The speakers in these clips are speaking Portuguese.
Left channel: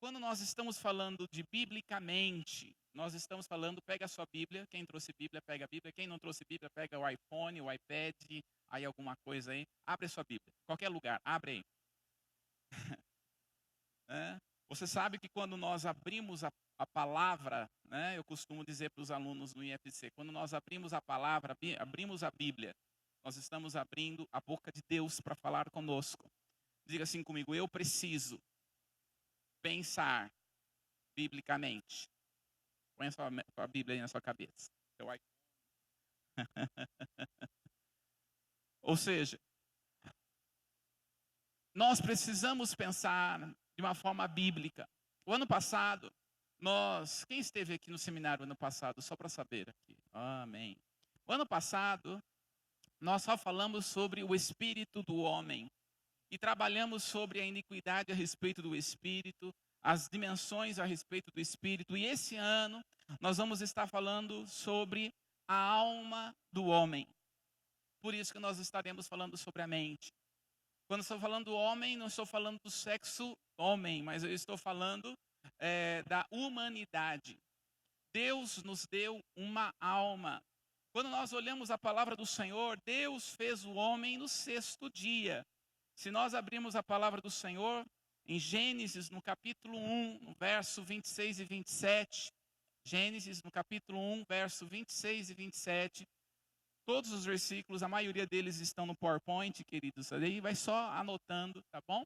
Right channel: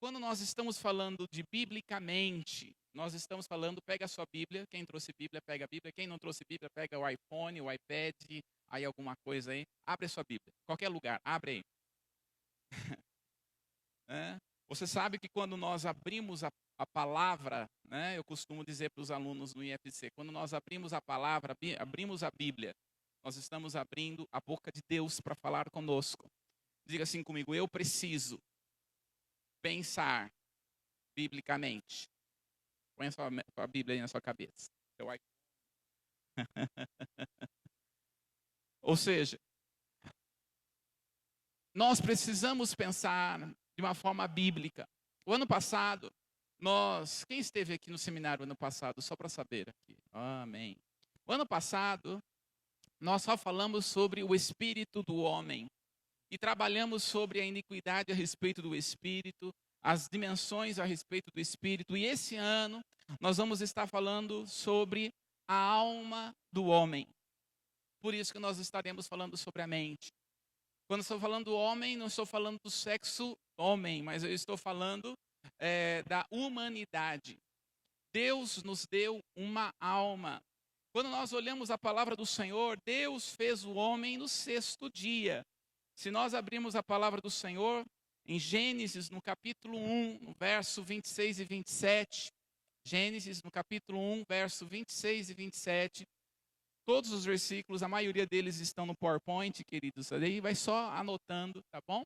Quando nós estamos falando de biblicamente, nós estamos falando, pega a sua Bíblia, quem trouxe Bíblia, pega a Bíblia, quem não trouxe Bíblia, pega o iPhone, o iPad, aí alguma coisa aí, abre a sua Bíblia, qualquer lugar, abre aí. Né? Você sabe que quando nós abrimos a palavra, né, eu costumo dizer para os alunos no IFC, quando nós abrimos a palavra, abrimos a Bíblia, nós estamos abrindo a boca de Deus para falar conosco. Diga assim comigo, eu preciso pensar biblicamente. Põe a Bíblia aí na sua cabeça. Ou seja, nós precisamos pensar de uma forma bíblica. O ano passado, quem esteve aqui no seminário ano passado, só para saber aqui, amém. O ano passado, nós só falamos sobre o espírito do homem e trabalhamos sobre a iniquidade a respeito do espírito, as dimensões a respeito do espírito, e esse ano nós vamos estar falando sobre a alma do homem. Por isso que nós estaremos falando sobre a mente. Quando estou falando do homem, não estou falando do sexo homem, mas eu estou falando da humanidade. Deus nos deu uma alma. Quando nós olhamos a palavra do Senhor, Deus fez o homem no sexto dia. Se nós abrirmos a palavra do Senhor, em Gênesis, no capítulo 1, no verso 26 e 27, Gênesis, no capítulo 1, verso 26 e 27, todos os versículos, a maioria deles estão no PowerPoint, queridos. Aí vai só anotando, tá bom?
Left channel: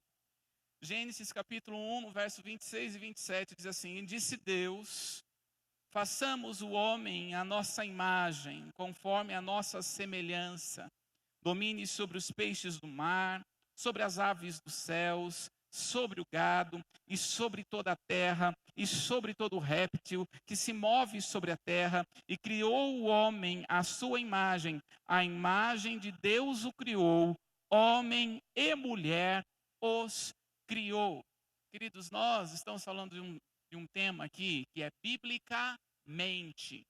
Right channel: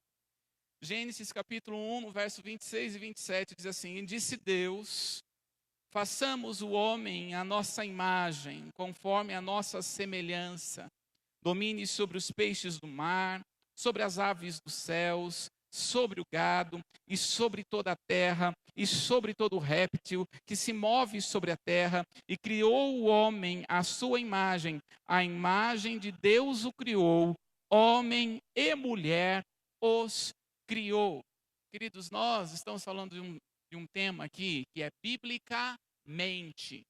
Gênesis capítulo 1, no verso 26 e 27, diz assim: disse Deus, façamos o homem à nossa imagem, conforme a nossa semelhança. Domine sobre os peixes do mar, sobre as aves dos céus, sobre o gado e sobre toda a terra e sobre todo réptil que se move sobre a terra, e criou o homem à sua imagem, a imagem de Deus o criou, homem e mulher os criou. Queridos, nós estamos falando de um tema aqui que é biblicamente.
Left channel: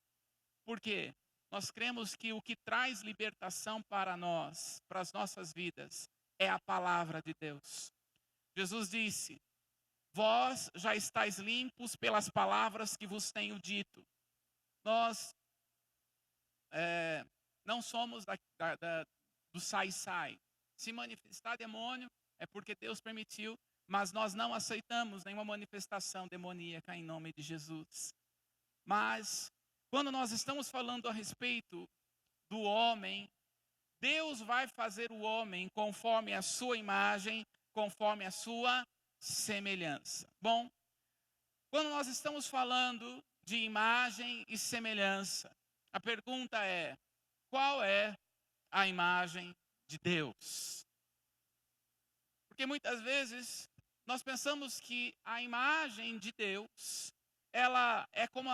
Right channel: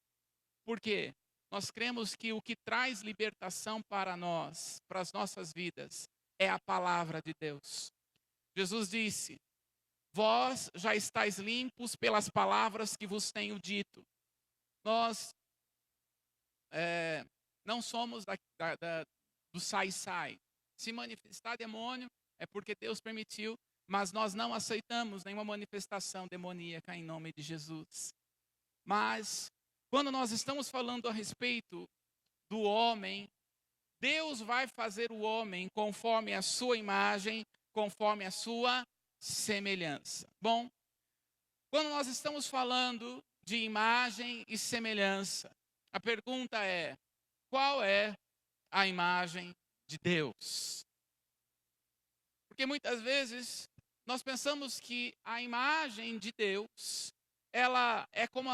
Por quê? Nós cremos que o que traz libertação para nós, para as nossas vidas, é a palavra de Deus. Jesus disse: vós já estáis limpos pelas palavras que vos tenho dito. Nós não somos do sai-sai. Se manifestar demônio é porque Deus permitiu, mas nós não aceitamos nenhuma manifestação demoníaca em nome de Jesus. Mas, quando nós estamos falando a respeito do homem, Deus vai fazer o homem conforme a sua imagem, conforme a sua semelhança. Bom, quando nós estamos falando de imagem e semelhança, a pergunta é: qual é a imagem de Deus? Porque muitas vezes nós pensamos que a imagem de Deus, ela é como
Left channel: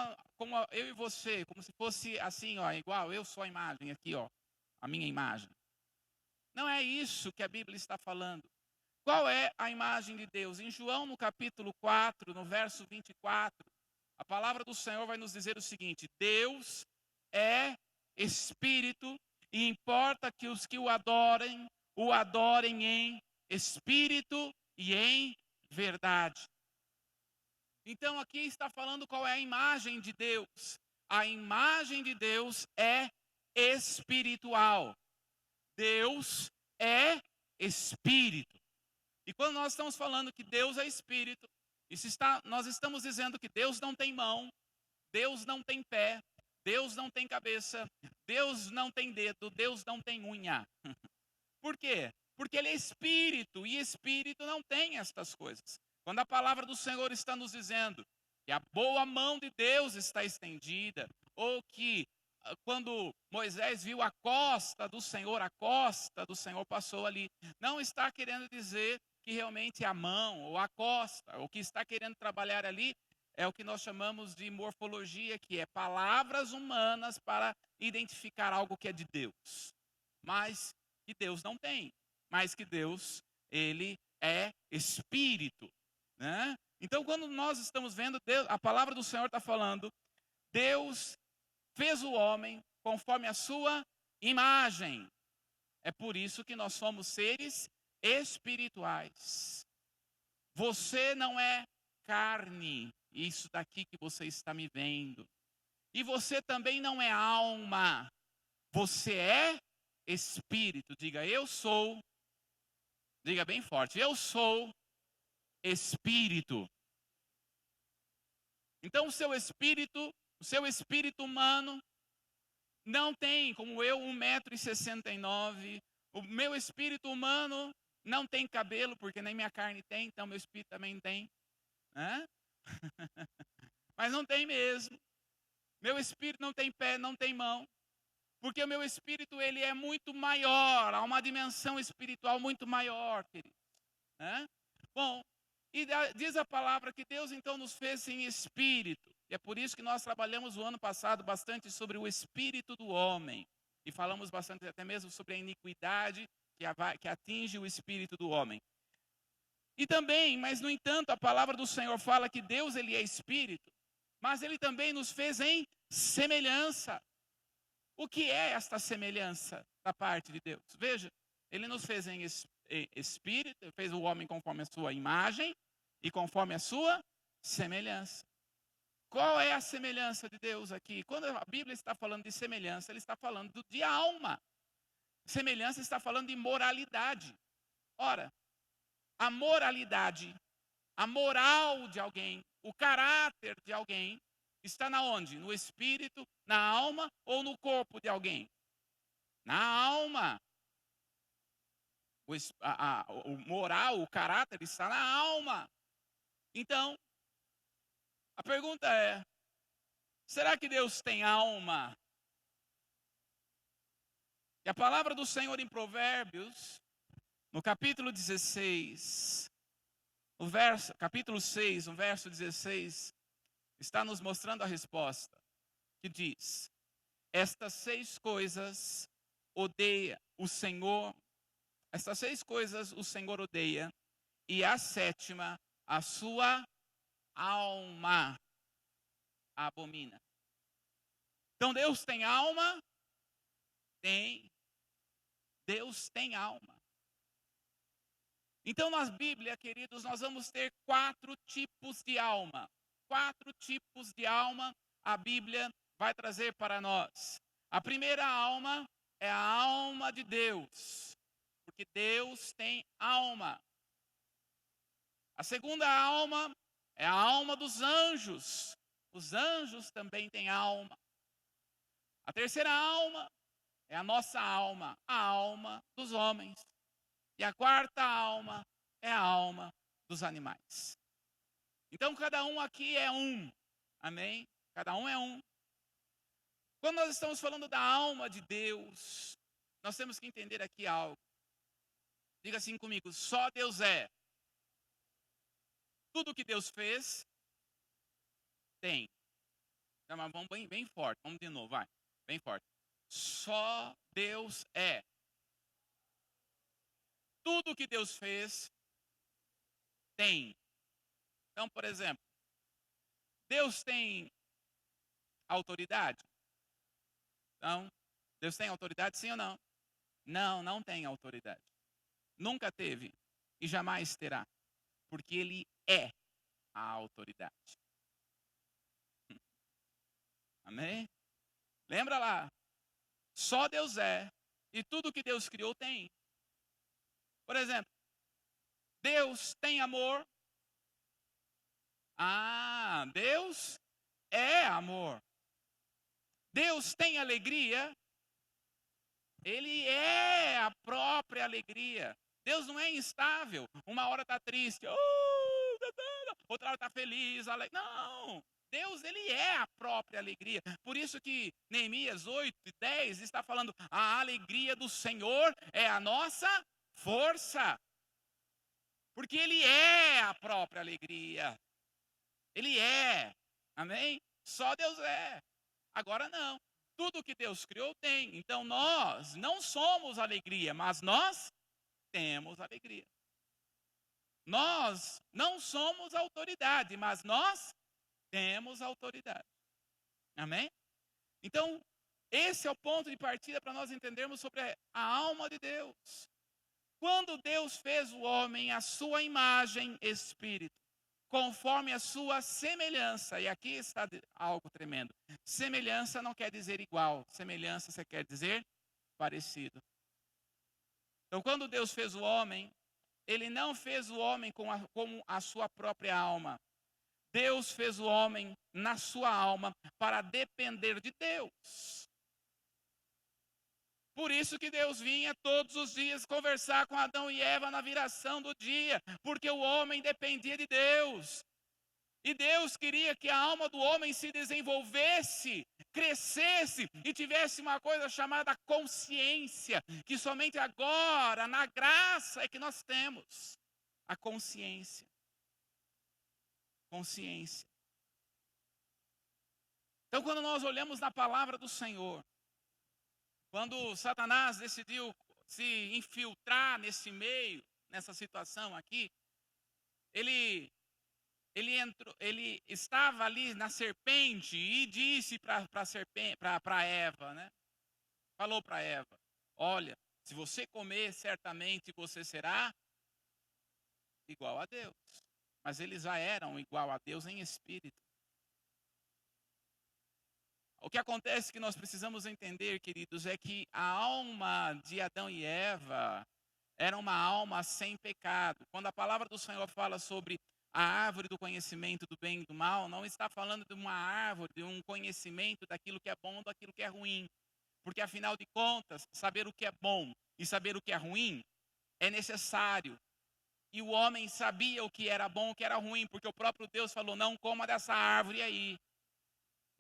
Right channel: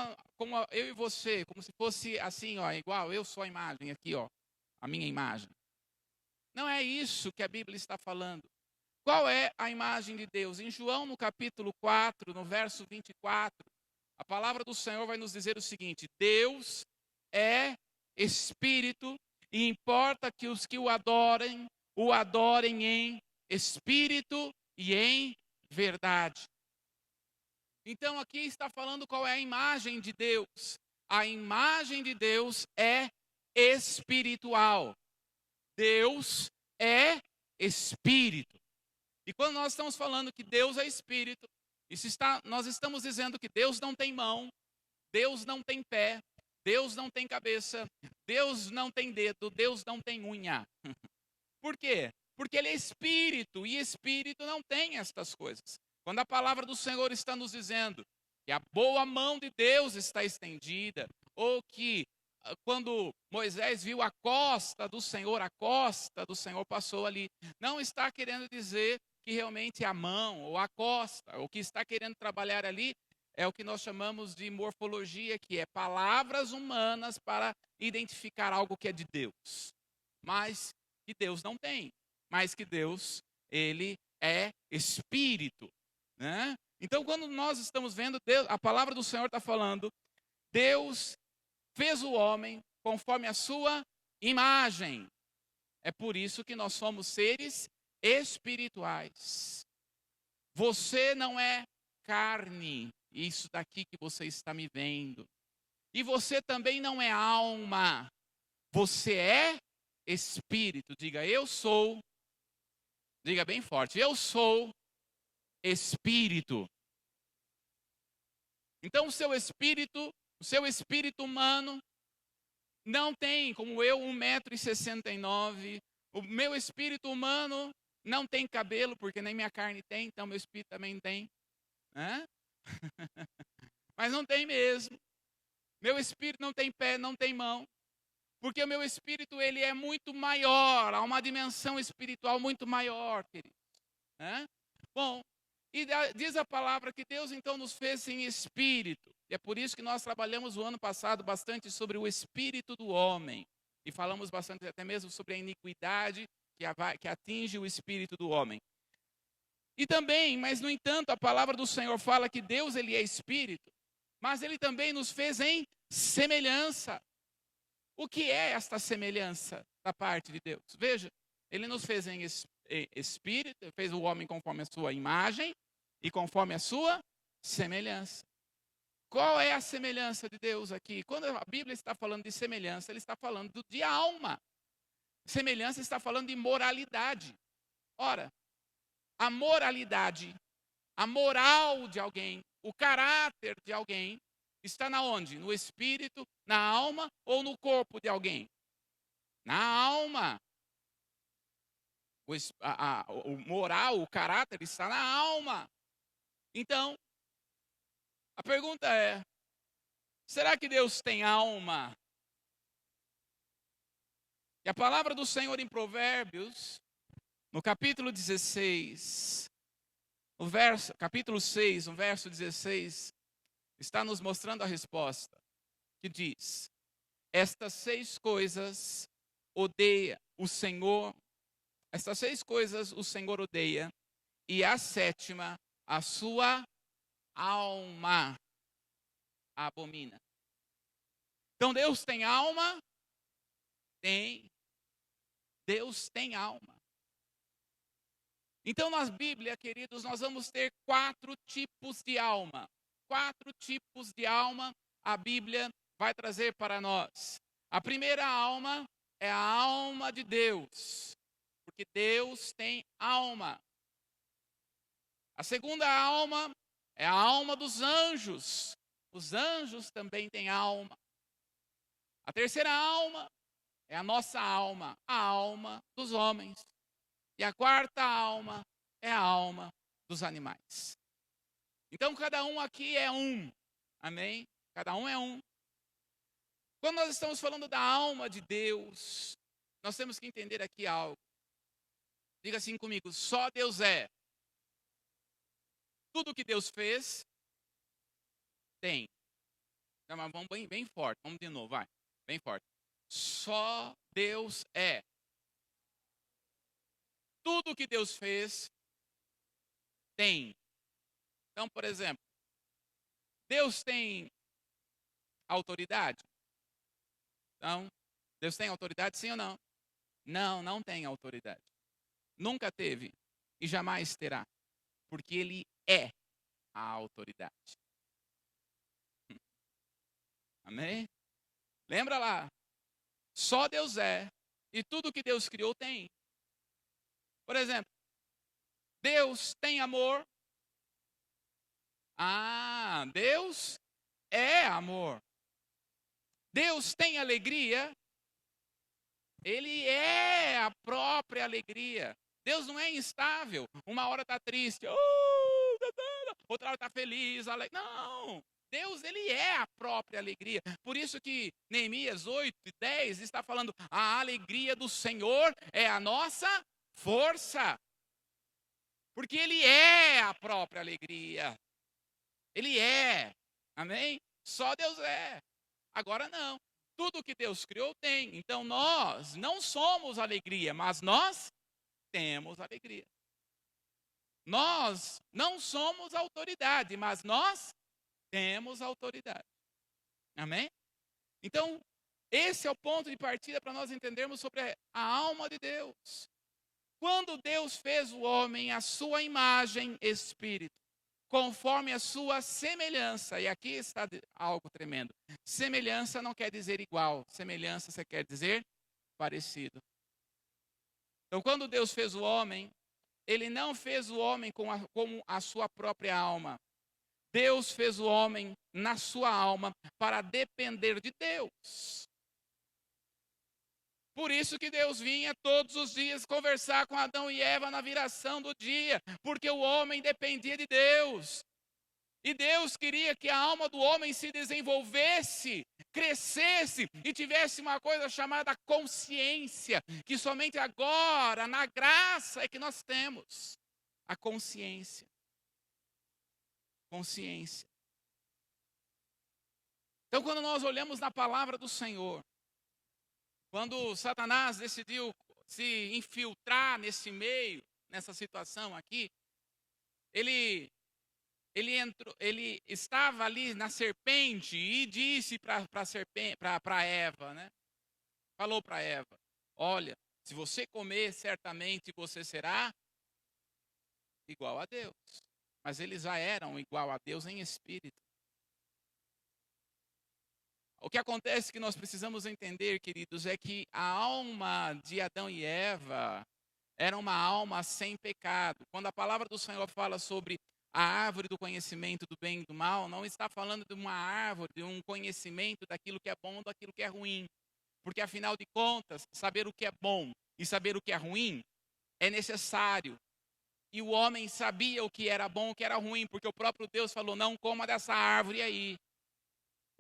eu e você, como se fosse assim, ó, igual eu sou a imagem aqui, ó, a minha imagem. Não é isso que a Bíblia está falando. Qual é a imagem de Deus? Em João, no capítulo 4, no verso 24, a palavra do Senhor vai nos dizer o seguinte: Deus é Espírito, e importa que os que o adorem em Espírito e em verdade. Então aqui está falando qual é a imagem de Deus. A imagem de Deus é espiritual. Deus é Espírito. E quando nós estamos falando que Deus é Espírito, nós estamos dizendo que Deus não tem mão, Deus não tem pé, Deus não tem cabeça, Deus não tem dedo, Deus não tem unha. Por quê? Porque Ele é Espírito, e Espírito não tem estas coisas. Quando a palavra do Senhor está nos dizendo que a boa mão de Deus está estendida, ou que quando Moisés viu a costa do Senhor passou ali, não está querendo dizer que realmente a mão ou a costa, o que está querendo trabalhar ali é o que nós chamamos de morfologia, que é palavras humanas para identificar algo que é de Deus, mas que Deus não tem, mas que Deus, Ele é Espírito, né? Então, quando nós estamos vendo, Deus, a palavra do Senhor está falando, Deus fez o homem conforme a sua imagem. É por isso que nós somos seres espirituais. Você não é carne, isso daqui que você está me vendo. E você também não é alma, você é espírito. Diga, eu sou, diga bem forte, eu sou espírito. Então o seu espírito humano não tem, como eu, 1,69 m. O meu espírito humano não tem cabelo, porque nem minha carne tem, então meu espírito também tem. Né? Mas não tem mesmo. Meu espírito não tem pé, não tem mão. Porque o meu espírito, ele é muito maior, há uma dimensão espiritual muito maior, queridos. Né? Bom, e diz a palavra que Deus então nos fez em espírito. E é por isso que nós trabalhamos o ano passado bastante sobre o espírito do homem. E falamos bastante até mesmo sobre a iniquidade que atinge o espírito do homem. E também, mas no entanto, a palavra do Senhor fala que Deus, ele é espírito. Mas ele também nos fez em semelhança. O que é esta semelhança da parte de Deus? Veja, ele nos fez em espírito, fez o homem conforme a sua imagem e conforme a sua semelhança. Qual é a semelhança de Deus aqui? Quando a Bíblia está falando de semelhança, ele está falando de alma. Semelhança está falando de moralidade. Ora, a moralidade, a moral de alguém, o caráter de alguém, está na onde? No espírito, na alma ou no corpo de alguém? Na alma. O moral, o caráter está na alma. Então, a pergunta é, será que Deus tem alma? E a palavra do Senhor em Provérbios, no capítulo 16, capítulo 6, no verso 16, está nos mostrando a resposta, que diz, estas 6 coisas odeia o Senhor, estas 6 coisas o Senhor odeia, e a 7ª, a sua alma abomina. Então Deus tem alma? Tem. Deus tem alma. Então na Bíblia, queridos, nós vamos ter 4 tipos de alma. 4 tipos de alma a Bíblia vai trazer para nós. A primeira alma é a alma de Deus, porque Deus tem alma. A segunda alma é a alma dos anjos. Os anjos também têm alma. A terceira alma é a nossa alma, a alma dos homens. E a quarta alma é a alma dos animais. Então cada um aqui é um. Amém? Cada um é um. Quando nós estamos falando da alma de Deus, nós temos que entender aqui algo. Diga assim comigo, só Deus é. Tudo que Deus fez, tem. Mas vamos bem forte, vamos de novo, vai. Bem forte. Só Deus é. Tudo que Deus fez, tem. Então, por exemplo, Deus tem autoridade? Então, Deus tem autoridade, sim ou não? Não, não tem autoridade. Nunca teve e jamais terá. Porque Ele é a autoridade. Amém? Lembra lá. Só Deus é. E tudo que Deus criou tem. Por exemplo, Deus tem amor. Ah, Deus é amor. Deus tem alegria. Ele é a própria alegria. Deus não é instável. Uma hora está triste, outra hora está feliz. Não, Deus, ele é a própria alegria. Por isso que Neemias 8:10 está falando, a alegria do Senhor é a nossa força. Porque ele é a própria alegria. Ele é. Amém? Só Deus é. Agora não. Tudo que Deus criou tem. Então nós não somos alegria, mas nós temos alegria. Nós não somos autoridade, mas nós temos autoridade. Amém? Então, esse é o ponto de partida para nós entendermos sobre a alma de Deus. Quando Deus fez o homem à sua imagem, espírito, conforme a sua semelhança. E aqui está algo tremendo. Semelhança não quer dizer igual. Semelhança você quer dizer parecido. Então, quando Deus fez o homem, Ele não fez o homem como a sua própria alma. Deus fez o homem na sua alma para depender de Deus. Por isso que Deus vinha todos os dias conversar com Adão e Eva na viração do dia, porque o homem dependia de Deus. E Deus queria que a alma do homem se desenvolvesse, crescesse e tivesse uma coisa chamada consciência, que somente agora, na graça, é que nós temos a consciência. Consciência. Então, quando nós olhamos na palavra do Senhor, quando Satanás decidiu se infiltrar nesse meio, nessa situação aqui, ele estava ali na serpente e disse para Eva, né? Falou para Eva: olha, se você comer, certamente você será igual a Deus. Mas eles já eram igual a Deus em espírito. O que acontece que nós precisamos entender, queridos, é que a alma de Adão e Eva era uma alma sem pecado. Quando a palavra do Senhor fala sobre a árvore do conhecimento do bem e do mal, não está falando de uma árvore, de um conhecimento daquilo que é bom, daquilo que é ruim. Porque, afinal de contas, saber o que é bom e saber o que é ruim é necessário. E o homem sabia o que era bom e o que era ruim, porque o próprio Deus falou: não coma dessa árvore aí.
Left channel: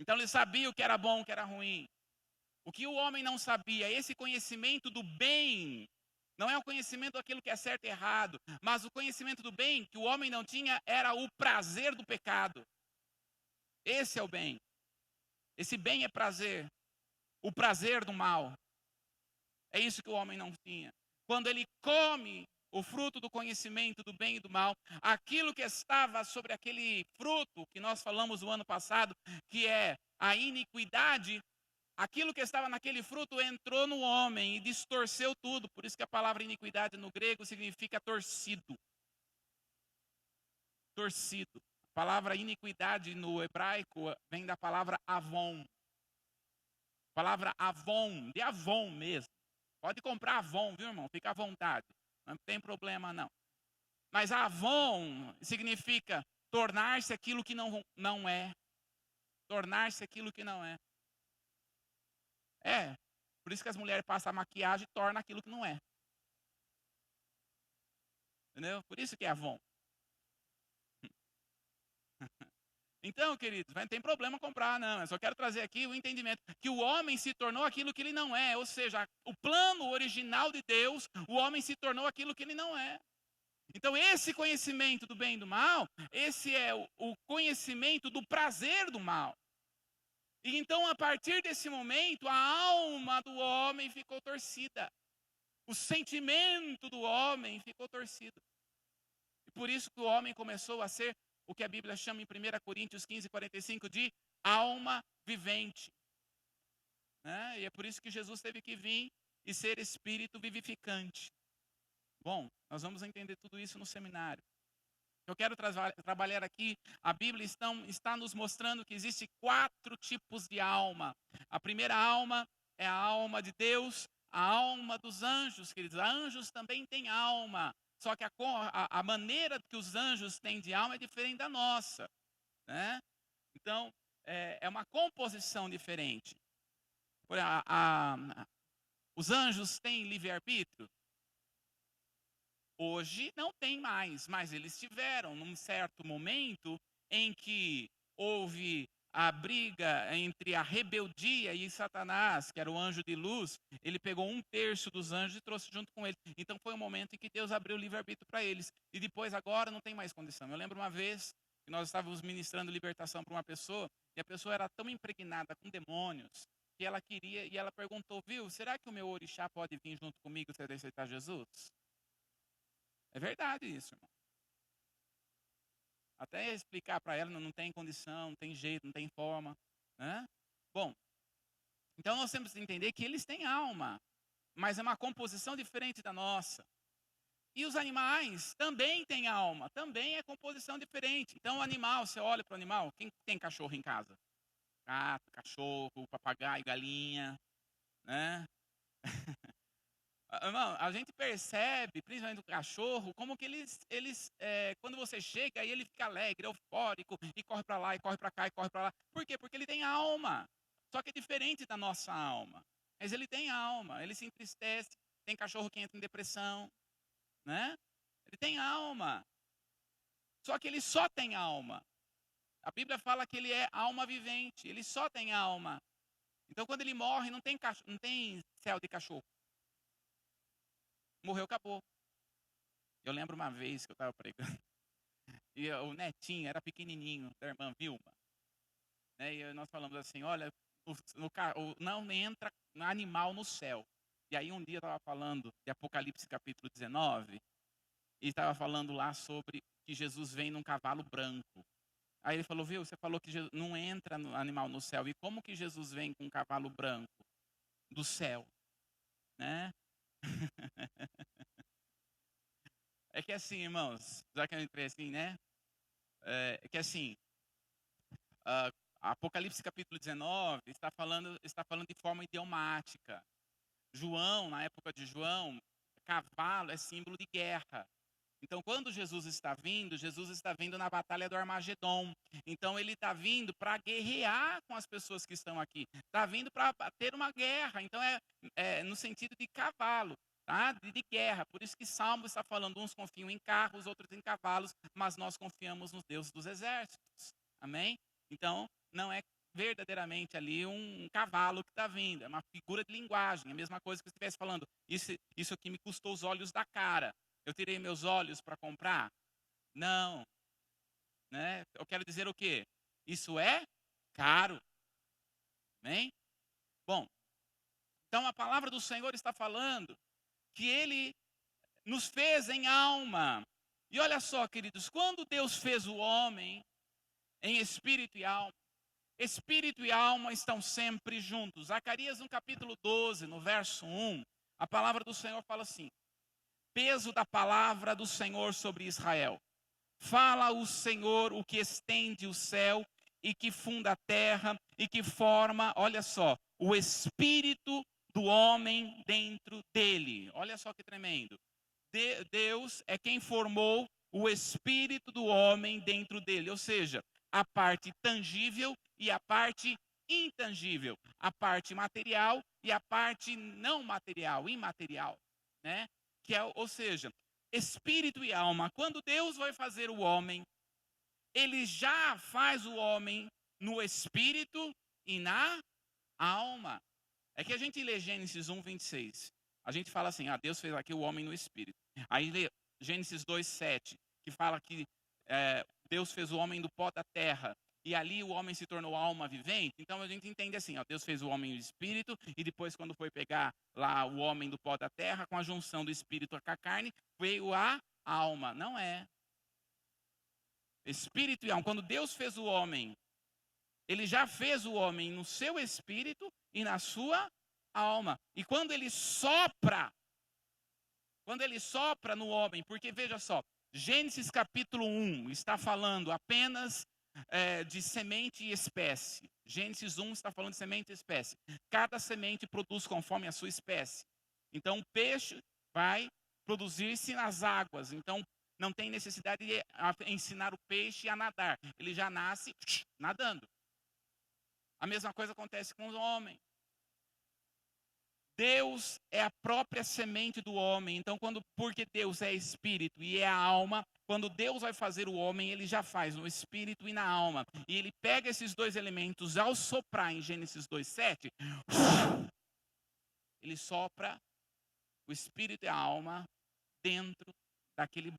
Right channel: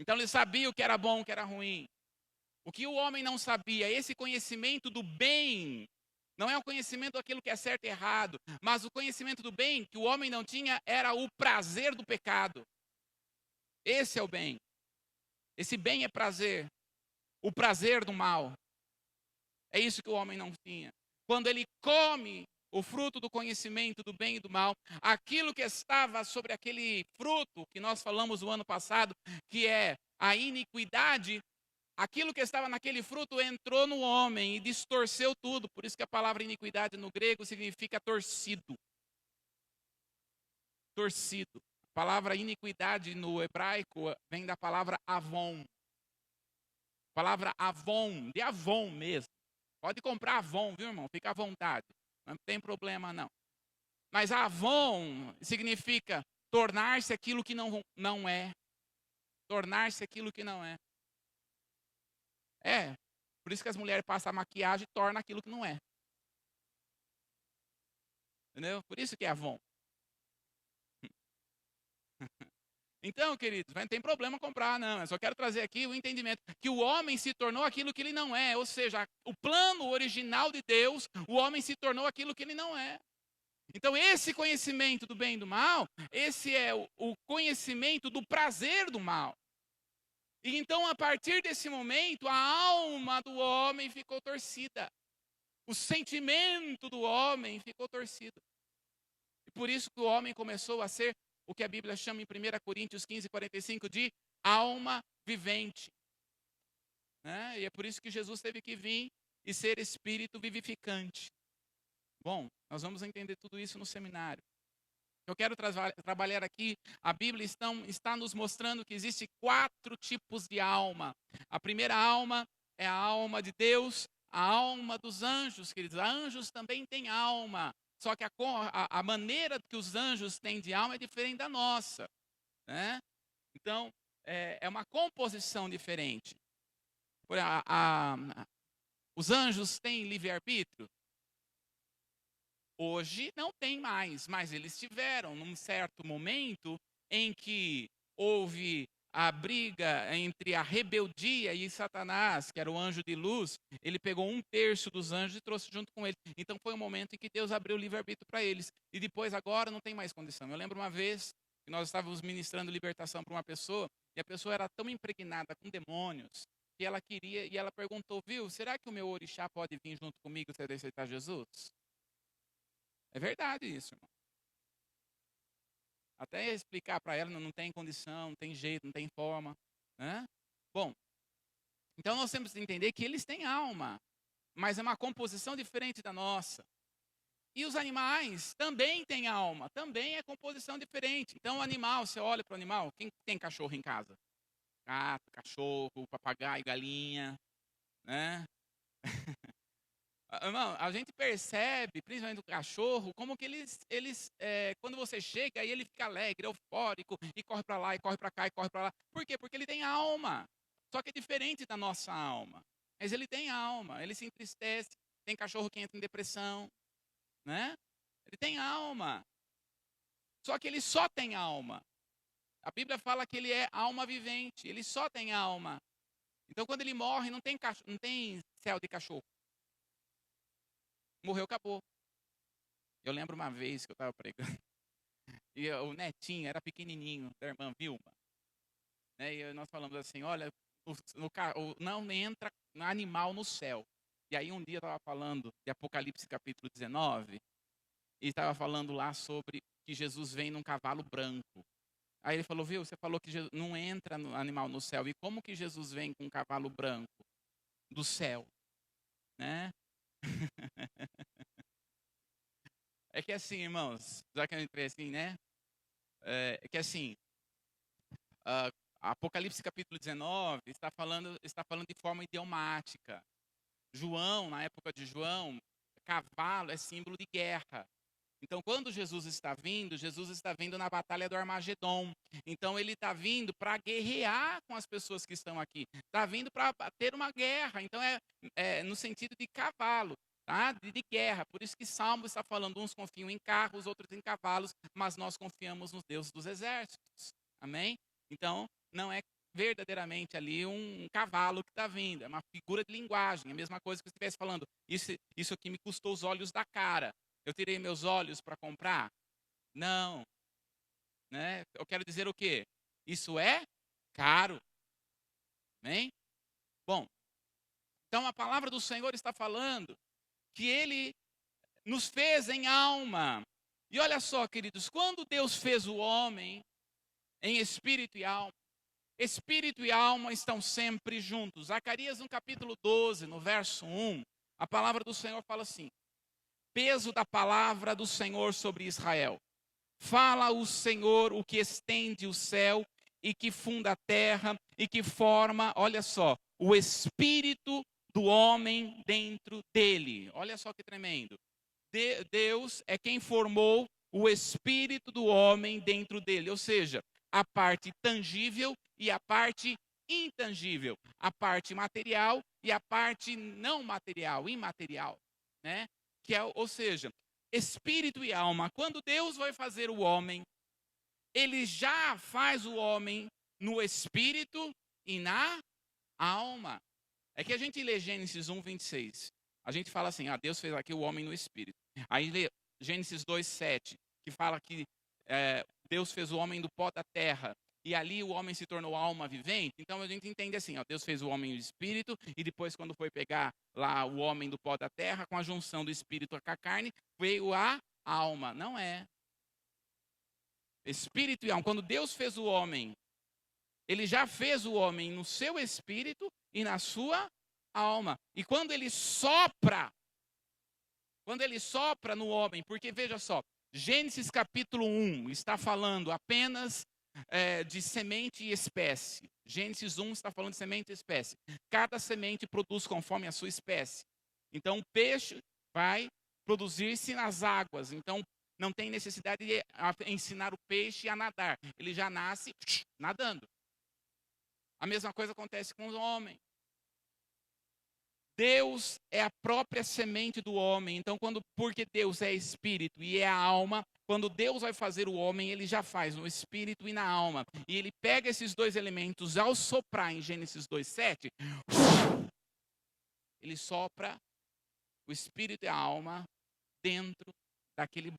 Então ele sabia o que era bom e o que era ruim. O que o homem não sabia, esse conhecimento do bem, não é o conhecimento daquilo que é certo e errado, mas o conhecimento do bem que o homem não tinha era o prazer do pecado. Esse é o bem. Esse bem é prazer. O prazer do mal. É isso que o homem não tinha. Quando ele come o fruto do conhecimento do bem e do mal, aquilo que estava sobre aquele fruto que nós falamos o ano passado, que é a iniquidade, aquilo que estava naquele fruto entrou no homem e distorceu tudo. Por isso que a palavra iniquidade no grego significa torcido. Torcido. A palavra iniquidade no hebraico vem da palavra avon. A palavra avon, de Avon mesmo. Pode comprar Avon, viu, irmão? Fica à vontade. Não tem problema, não. Mas Avon significa tornar-se aquilo que não é. Tornar-se aquilo que não é. É. Por isso que as mulheres passam a maquiagem e tornam aquilo que não é. Entendeu? Por isso que é Avon. Então, queridos, não tem problema comprar, não. Eu só quero trazer aqui o entendimento que o homem se tornou aquilo que ele não é. Ou seja, o plano original de Deus, o homem se tornou aquilo que ele não é. Então, esse conhecimento do bem e do mal, esse é o conhecimento do prazer do mal. E então, a partir desse momento, a alma do homem ficou torcida. O sentimento do homem ficou torcido. E por isso que o homem começou a ser o que a Bíblia chama em 1 Coríntios 15:45 de alma vivente. Né? E é por isso que Jesus teve que vir e ser espírito vivificante. Bom, nós vamos entender tudo isso no seminário. Eu quero trabalhar aqui, a Bíblia está nos mostrando que existe 4 tipos de alma. A primeira alma é a alma de Deus, a alma dos anjos, queridos. Anjos também têm alma, só que a maneira que os anjos têm de alma é diferente da nossa. Né? Então, é uma composição diferente. Os anjos têm livre-arbítrio? Hoje não tem mais, mas eles tiveram num certo momento em que houve a briga entre a rebeldia e Satanás, que era o anjo de luz. Ele pegou 1/3 dos anjos e trouxe junto com ele. Então foi um momento em que Deus abriu o livre-arbítrio para eles. E depois agora não tem mais condição. Eu lembro uma vez que nós estávamos ministrando libertação para uma pessoa, e a pessoa era tão impregnada com demônios, que ela queria, e ela perguntou: viu, será que o meu orixá pode vir junto comigo se eu aceitar Jesus? É verdade isso, irmão. Até explicar para ela, não tem condição, não tem jeito, não tem forma. Né? Bom, então nós temos que entender que eles têm alma, mas é uma composição diferente da nossa. E os animais também têm alma, também é composição diferente. Então o animal, você olha para o animal, quem tem cachorro em casa? Gato, cachorro, papagaio, galinha, né? Irmão, a gente percebe, principalmente o cachorro, como que quando você chega, aí ele fica alegre, eufórico, e corre para lá, e corre para cá, e corre para lá. Por quê? Porque ele tem alma. Só que é diferente da nossa alma. Mas ele tem alma, ele se entristece. Tem cachorro que entra em depressão, né? Ele tem alma. Só que ele só tem alma. A Bíblia fala que ele é alma vivente, ele só tem alma. Então quando ele morre, não tem céu de cachorro. Morreu, acabou. Eu lembro uma vez que eu estava pregando, e o netinho era pequenininho, da irmã Vilma, né? E nós falamos assim, olha, não entra animal no céu. E aí um dia eu estava falando de Apocalipse capítulo 19, e estava falando lá sobre que Jesus vem num cavalo branco. Aí ele falou, viu, você falou que não entra animal no céu, e como que Jesus vem com um cavalo branco? Do céu, né? É que assim, irmãos, já que eu entrei assim, né? É que assim, uh, Apocalipse capítulo 19 está falando de forma idiomática. João, na época de João, cavalo é símbolo de guerra. Então, quando Jesus está vindo na batalha do Armagedon. Então, ele está vindo para guerrear com as pessoas que estão aqui. Está vindo para ter uma guerra. Então, é no sentido de cavalo, tá? De guerra. Por isso que Salmo está falando, uns confiam em carros, outros em cavalos, mas nós confiamos nos deuses dos exércitos. Amém? Então, não é verdadeiramente ali um cavalo que está vindo. É uma figura de linguagem. É a mesma coisa que eu estivesse falando. Isso aqui me custou os olhos da cara. Eu tirei meus olhos para comprar? Não. Né? Eu quero dizer o quê? Isso é caro. Amém? Bom, então a palavra do Senhor está falando que Ele nos fez em alma. E olha só, queridos, quando Deus fez o homem em espírito e alma estão sempre juntos. Zacarias no capítulo 12, no verso 1, a palavra do Senhor fala assim: peso da palavra do Senhor sobre Israel. Fala o Senhor, o que estende o céu e que funda a terra e que forma, olha só, o espírito do homem dentro dele. Olha só que tremendo. Deus é quem formou o espírito do homem dentro dele, ou seja, a parte tangível e a parte intangível, a parte material e a parte não material, imaterial, né? Ou seja, espírito e alma. Quando Deus vai fazer o homem, Ele já faz o homem no espírito e na alma. É que a gente lê Gênesis 1, 26. A gente fala assim, Deus fez aqui o homem no espírito. Aí lê Gênesis 2, 7, que fala que Deus fez o homem do pó da terra. E ali o homem se tornou alma vivente. Então a gente entende assim, Deus fez o homem no espírito. E depois quando foi pegar lá o homem do pó da terra, com a junção do espírito com a carne, veio a alma. Não é. Espírito e alma. Quando Deus fez o homem, Ele já fez o homem no seu espírito e na sua alma. E quando Ele sopra no homem, porque veja só, Gênesis capítulo 1 está falando apenas de semente e espécie. Gênesis 1 está falando de semente e espécie. Cada semente produz conforme a sua espécie. Então o peixe vai produzir-se nas águas. Então não tem necessidade de ensinar o peixe a nadar. Ele já nasce nadando. A mesma coisa acontece com o homem. Deus é a própria semente do homem. Então, porque Deus é espírito e é a alma, quando Deus vai fazer o homem, Ele já faz no espírito e na alma. E Ele pega esses dois elementos, ao soprar em Gênesis 2:7, Ele sopra o espírito e a alma dentro daquele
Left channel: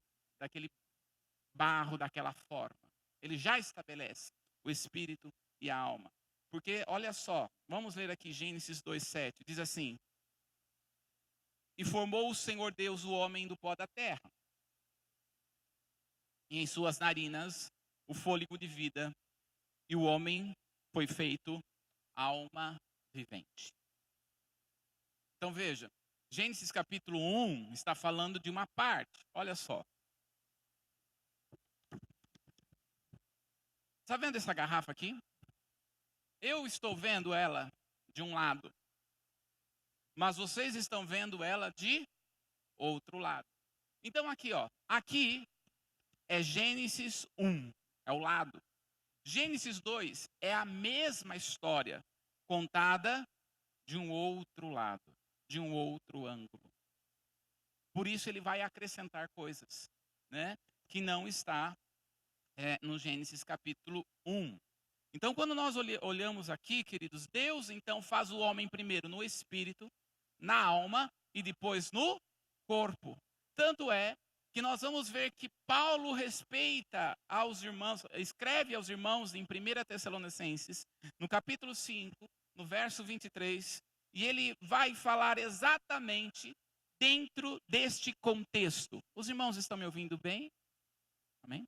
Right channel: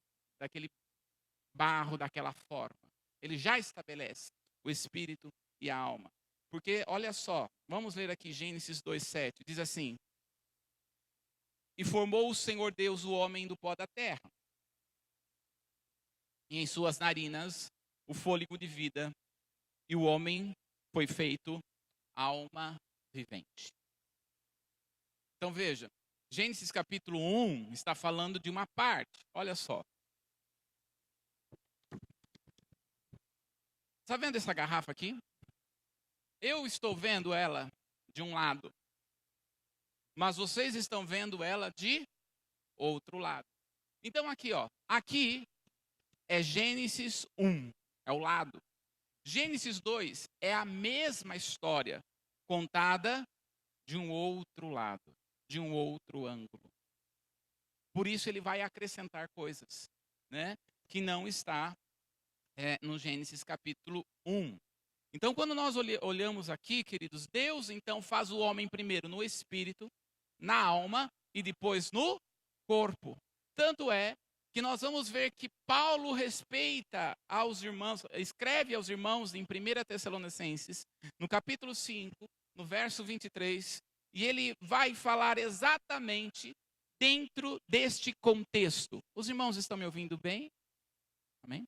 barro, daquela forma. Ele já estabelece o espírito e a alma. Porque, olha só, vamos ler aqui Gênesis 2:7, diz assim: e formou o Senhor Deus o homem do pó da terra, e em suas narinas o fôlego de vida, e o homem foi feito alma vivente. Então veja, Gênesis capítulo 1 está falando de uma parte. Olha só. Está vendo essa garrafa aqui? Eu estou vendo ela de um lado, mas vocês estão vendo ela de outro lado. Então aqui, ó, aqui é Gênesis 1, é o lado. Gênesis 2 é a mesma história, contada de um outro lado, de um outro ângulo. Por isso ele vai acrescentar coisas, né, que não está no Gênesis capítulo 1. Então, quando nós olhamos aqui, queridos, Deus então faz o homem primeiro no espírito, na alma e depois no corpo. Tanto é que nós vamos ver que Paulo respeita aos irmãos, escreve aos irmãos em 1 Tessalonicenses, no capítulo 5, no verso 23, e ele vai falar exatamente dentro deste contexto. Os irmãos estão me ouvindo bem? Amém?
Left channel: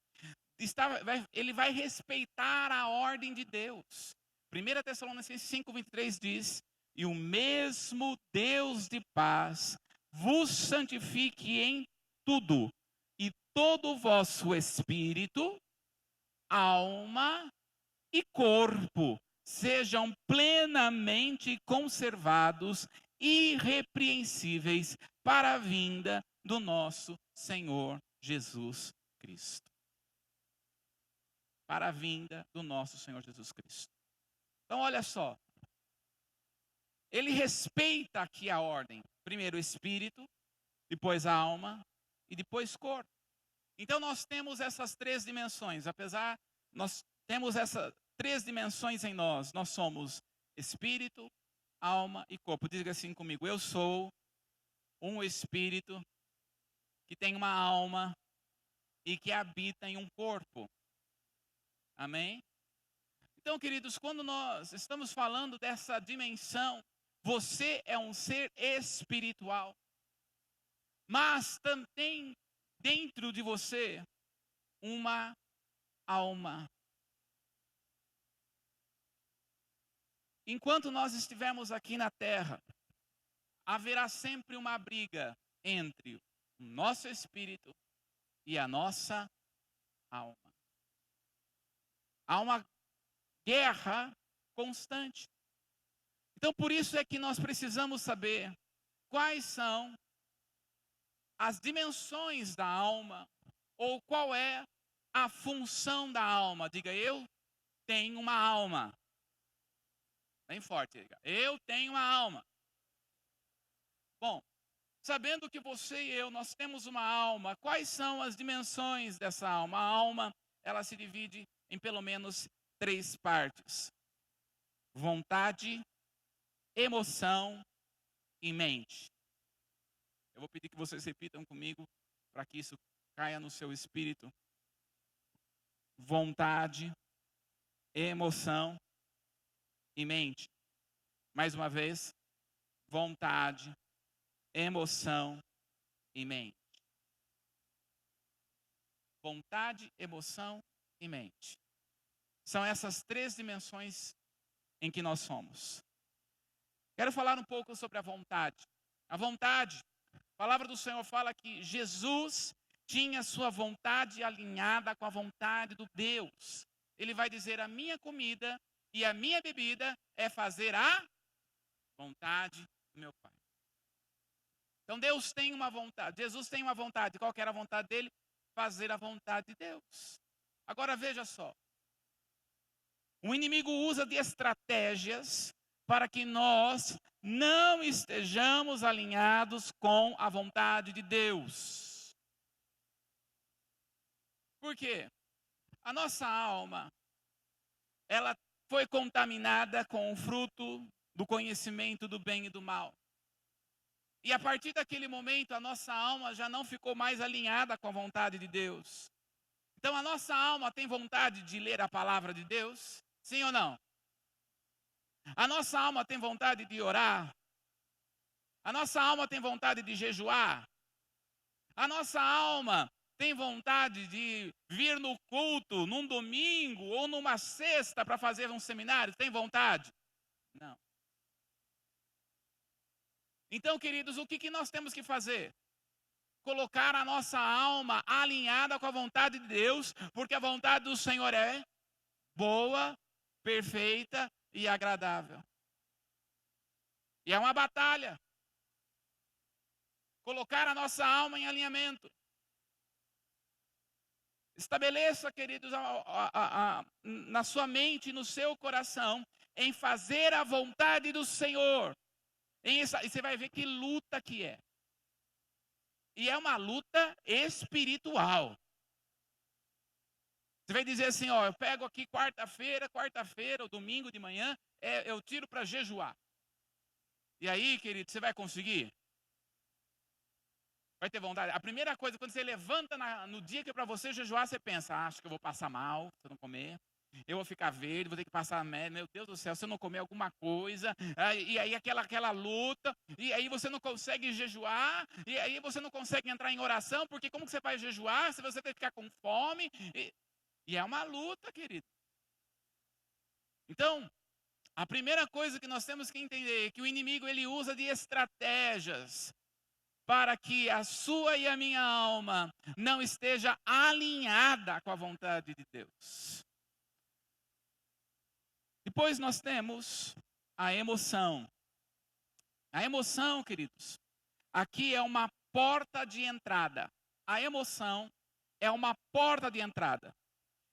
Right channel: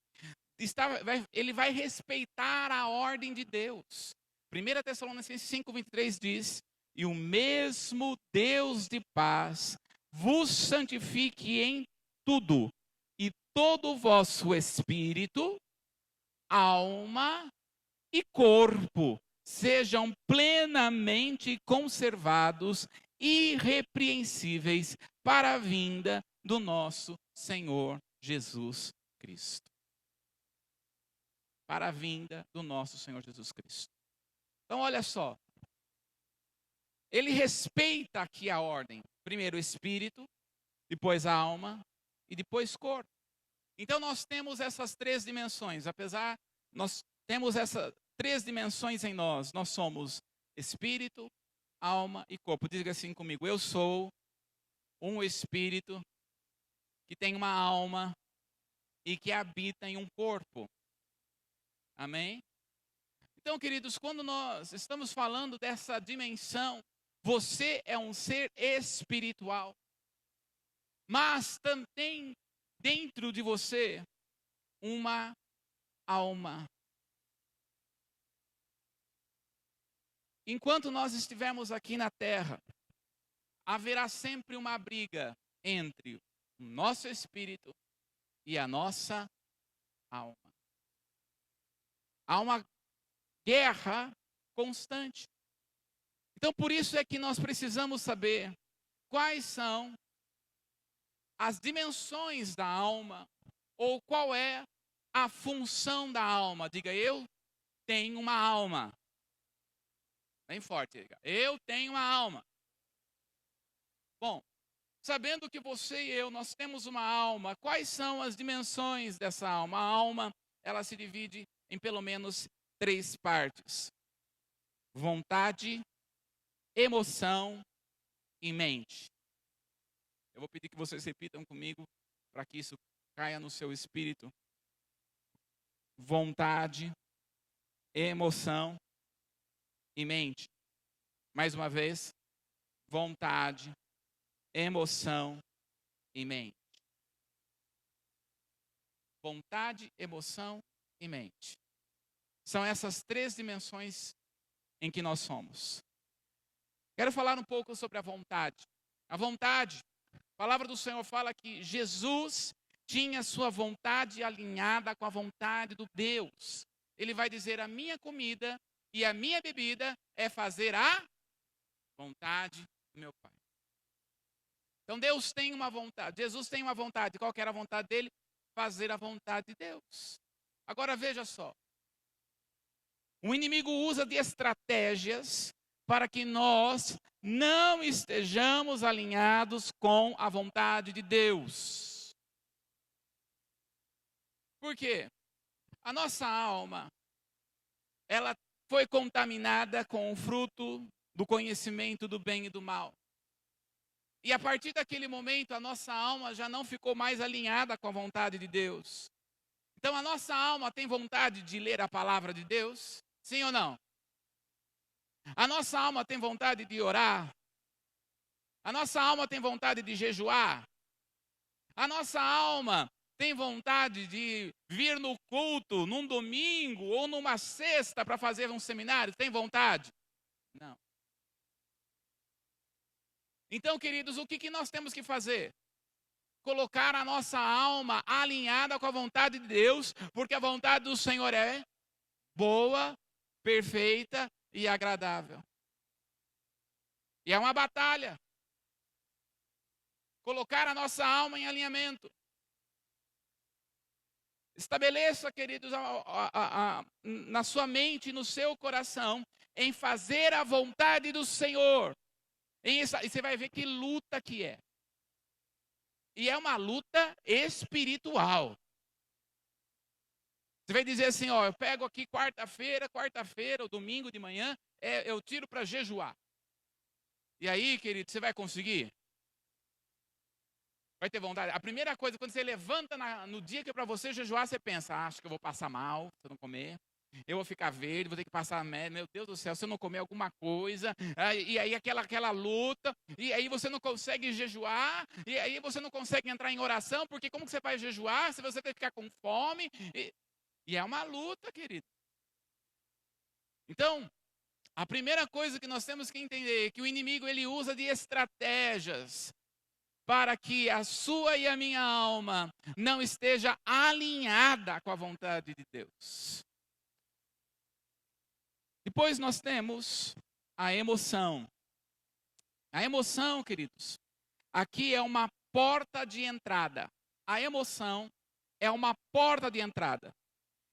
Ele vai respeitar a ordem de Deus. 1 Tessalonicenses 5:23 diz: e o mesmo Deus de paz vos santifique em tudo, e todo o vosso espírito, alma e corpo sejam plenamente conservados, irrepreensíveis para a vinda do nosso Senhor Jesus Cristo. Para a vinda do nosso Senhor Jesus Cristo. Então, olha só. Ele respeita aqui a ordem. Primeiro o espírito, depois a alma e depois corpo. Então, nós temos essas três dimensões. Apesar, nós temos essas três dimensões em nós. Nós somos espírito, alma e corpo. Diga assim comigo: eu sou um espírito que tem uma alma e que habita em um corpo. Amém? Então, queridos, quando nós estamos falando dessa dimensão, você é um ser espiritual. Mas também dentro de você uma alma. Enquanto nós estivermos aqui na terra, haverá sempre uma briga entre o nosso espírito e a nossa alma. Há uma guerra constante. Então, por isso é que nós precisamos saber quais são as dimensões da alma, ou qual é a função da alma. Diga: eu tenho uma alma. Bem forte, diga: eu tenho uma alma. Bom, sabendo que você e eu, nós temos uma alma, quais são as dimensões dessa alma? A alma, ela se divide em pelo menos 3 partes: vontade, emoção e mente. Eu vou pedir que vocês repitam comigo para que isso caia no seu espírito. Vontade, emoção e mente. Mais uma vez, vontade, emoção e mente. Vontade, emoção e mente. São essas 3 dimensões em que nós somos. Quero falar um pouco sobre a vontade. A vontade, a palavra do Senhor fala que Jesus tinha sua vontade alinhada com a vontade do Deus. Ele vai dizer: a minha comida e a minha bebida é fazer a vontade do meu Pai. Então Deus tem uma vontade, Jesus tem uma vontade. Qual que era a vontade dele? Fazer a vontade de Deus. Agora veja só. O inimigo usa de estratégias para que nós não estejamos alinhados com a vontade de Deus. Por quê? A nossa alma, ela foi contaminada com o fruto do conhecimento do bem e do mal. E a partir daquele momento, a nossa alma já não ficou mais alinhada com a vontade de Deus. Então, a nossa alma tem vontade de ler a palavra de Deus? Sim ou não? A nossa alma tem vontade de orar? A nossa alma tem vontade de jejuar? A nossa alma tem vontade de vir no culto, num domingo ou numa sexta para fazer um seminário? Tem vontade? Não. Então, queridos, o que nós temos que fazer? Colocar a nossa alma alinhada com a vontade de Deus, porque a vontade do Senhor é boa, perfeita e agradável. E é uma batalha. Colocar a nossa alma em alinhamento. Estabeleça, queridos, na sua mente e no seu coração, em fazer a vontade do Senhor. E você vai ver que luta que é. E é uma luta espiritual. Você vai dizer assim, ó, eu pego aqui quarta-feira, ou domingo de manhã, eu tiro para jejuar. E aí, querido, você vai conseguir? Vai ter vontade? A primeira coisa, quando você levanta no dia que é para você jejuar, você pensa, acho que eu vou passar mal se eu não comer. Eu vou ficar verde, vou ter que passar, meu Deus do céu, se eu não comer alguma coisa, e aí aquela luta, e aí você não consegue jejuar, e aí você não consegue entrar em oração, porque como que você vai jejuar se você tem que ficar com fome? E é uma luta, querido. Então, a primeira coisa que nós temos que entender é que o inimigo ele usa de estratégias para que a sua e a minha alma não esteja alinhada com a vontade de Deus. Depois nós temos a emoção. A emoção, queridos, aqui é uma porta de entrada. A emoção é uma porta de entrada.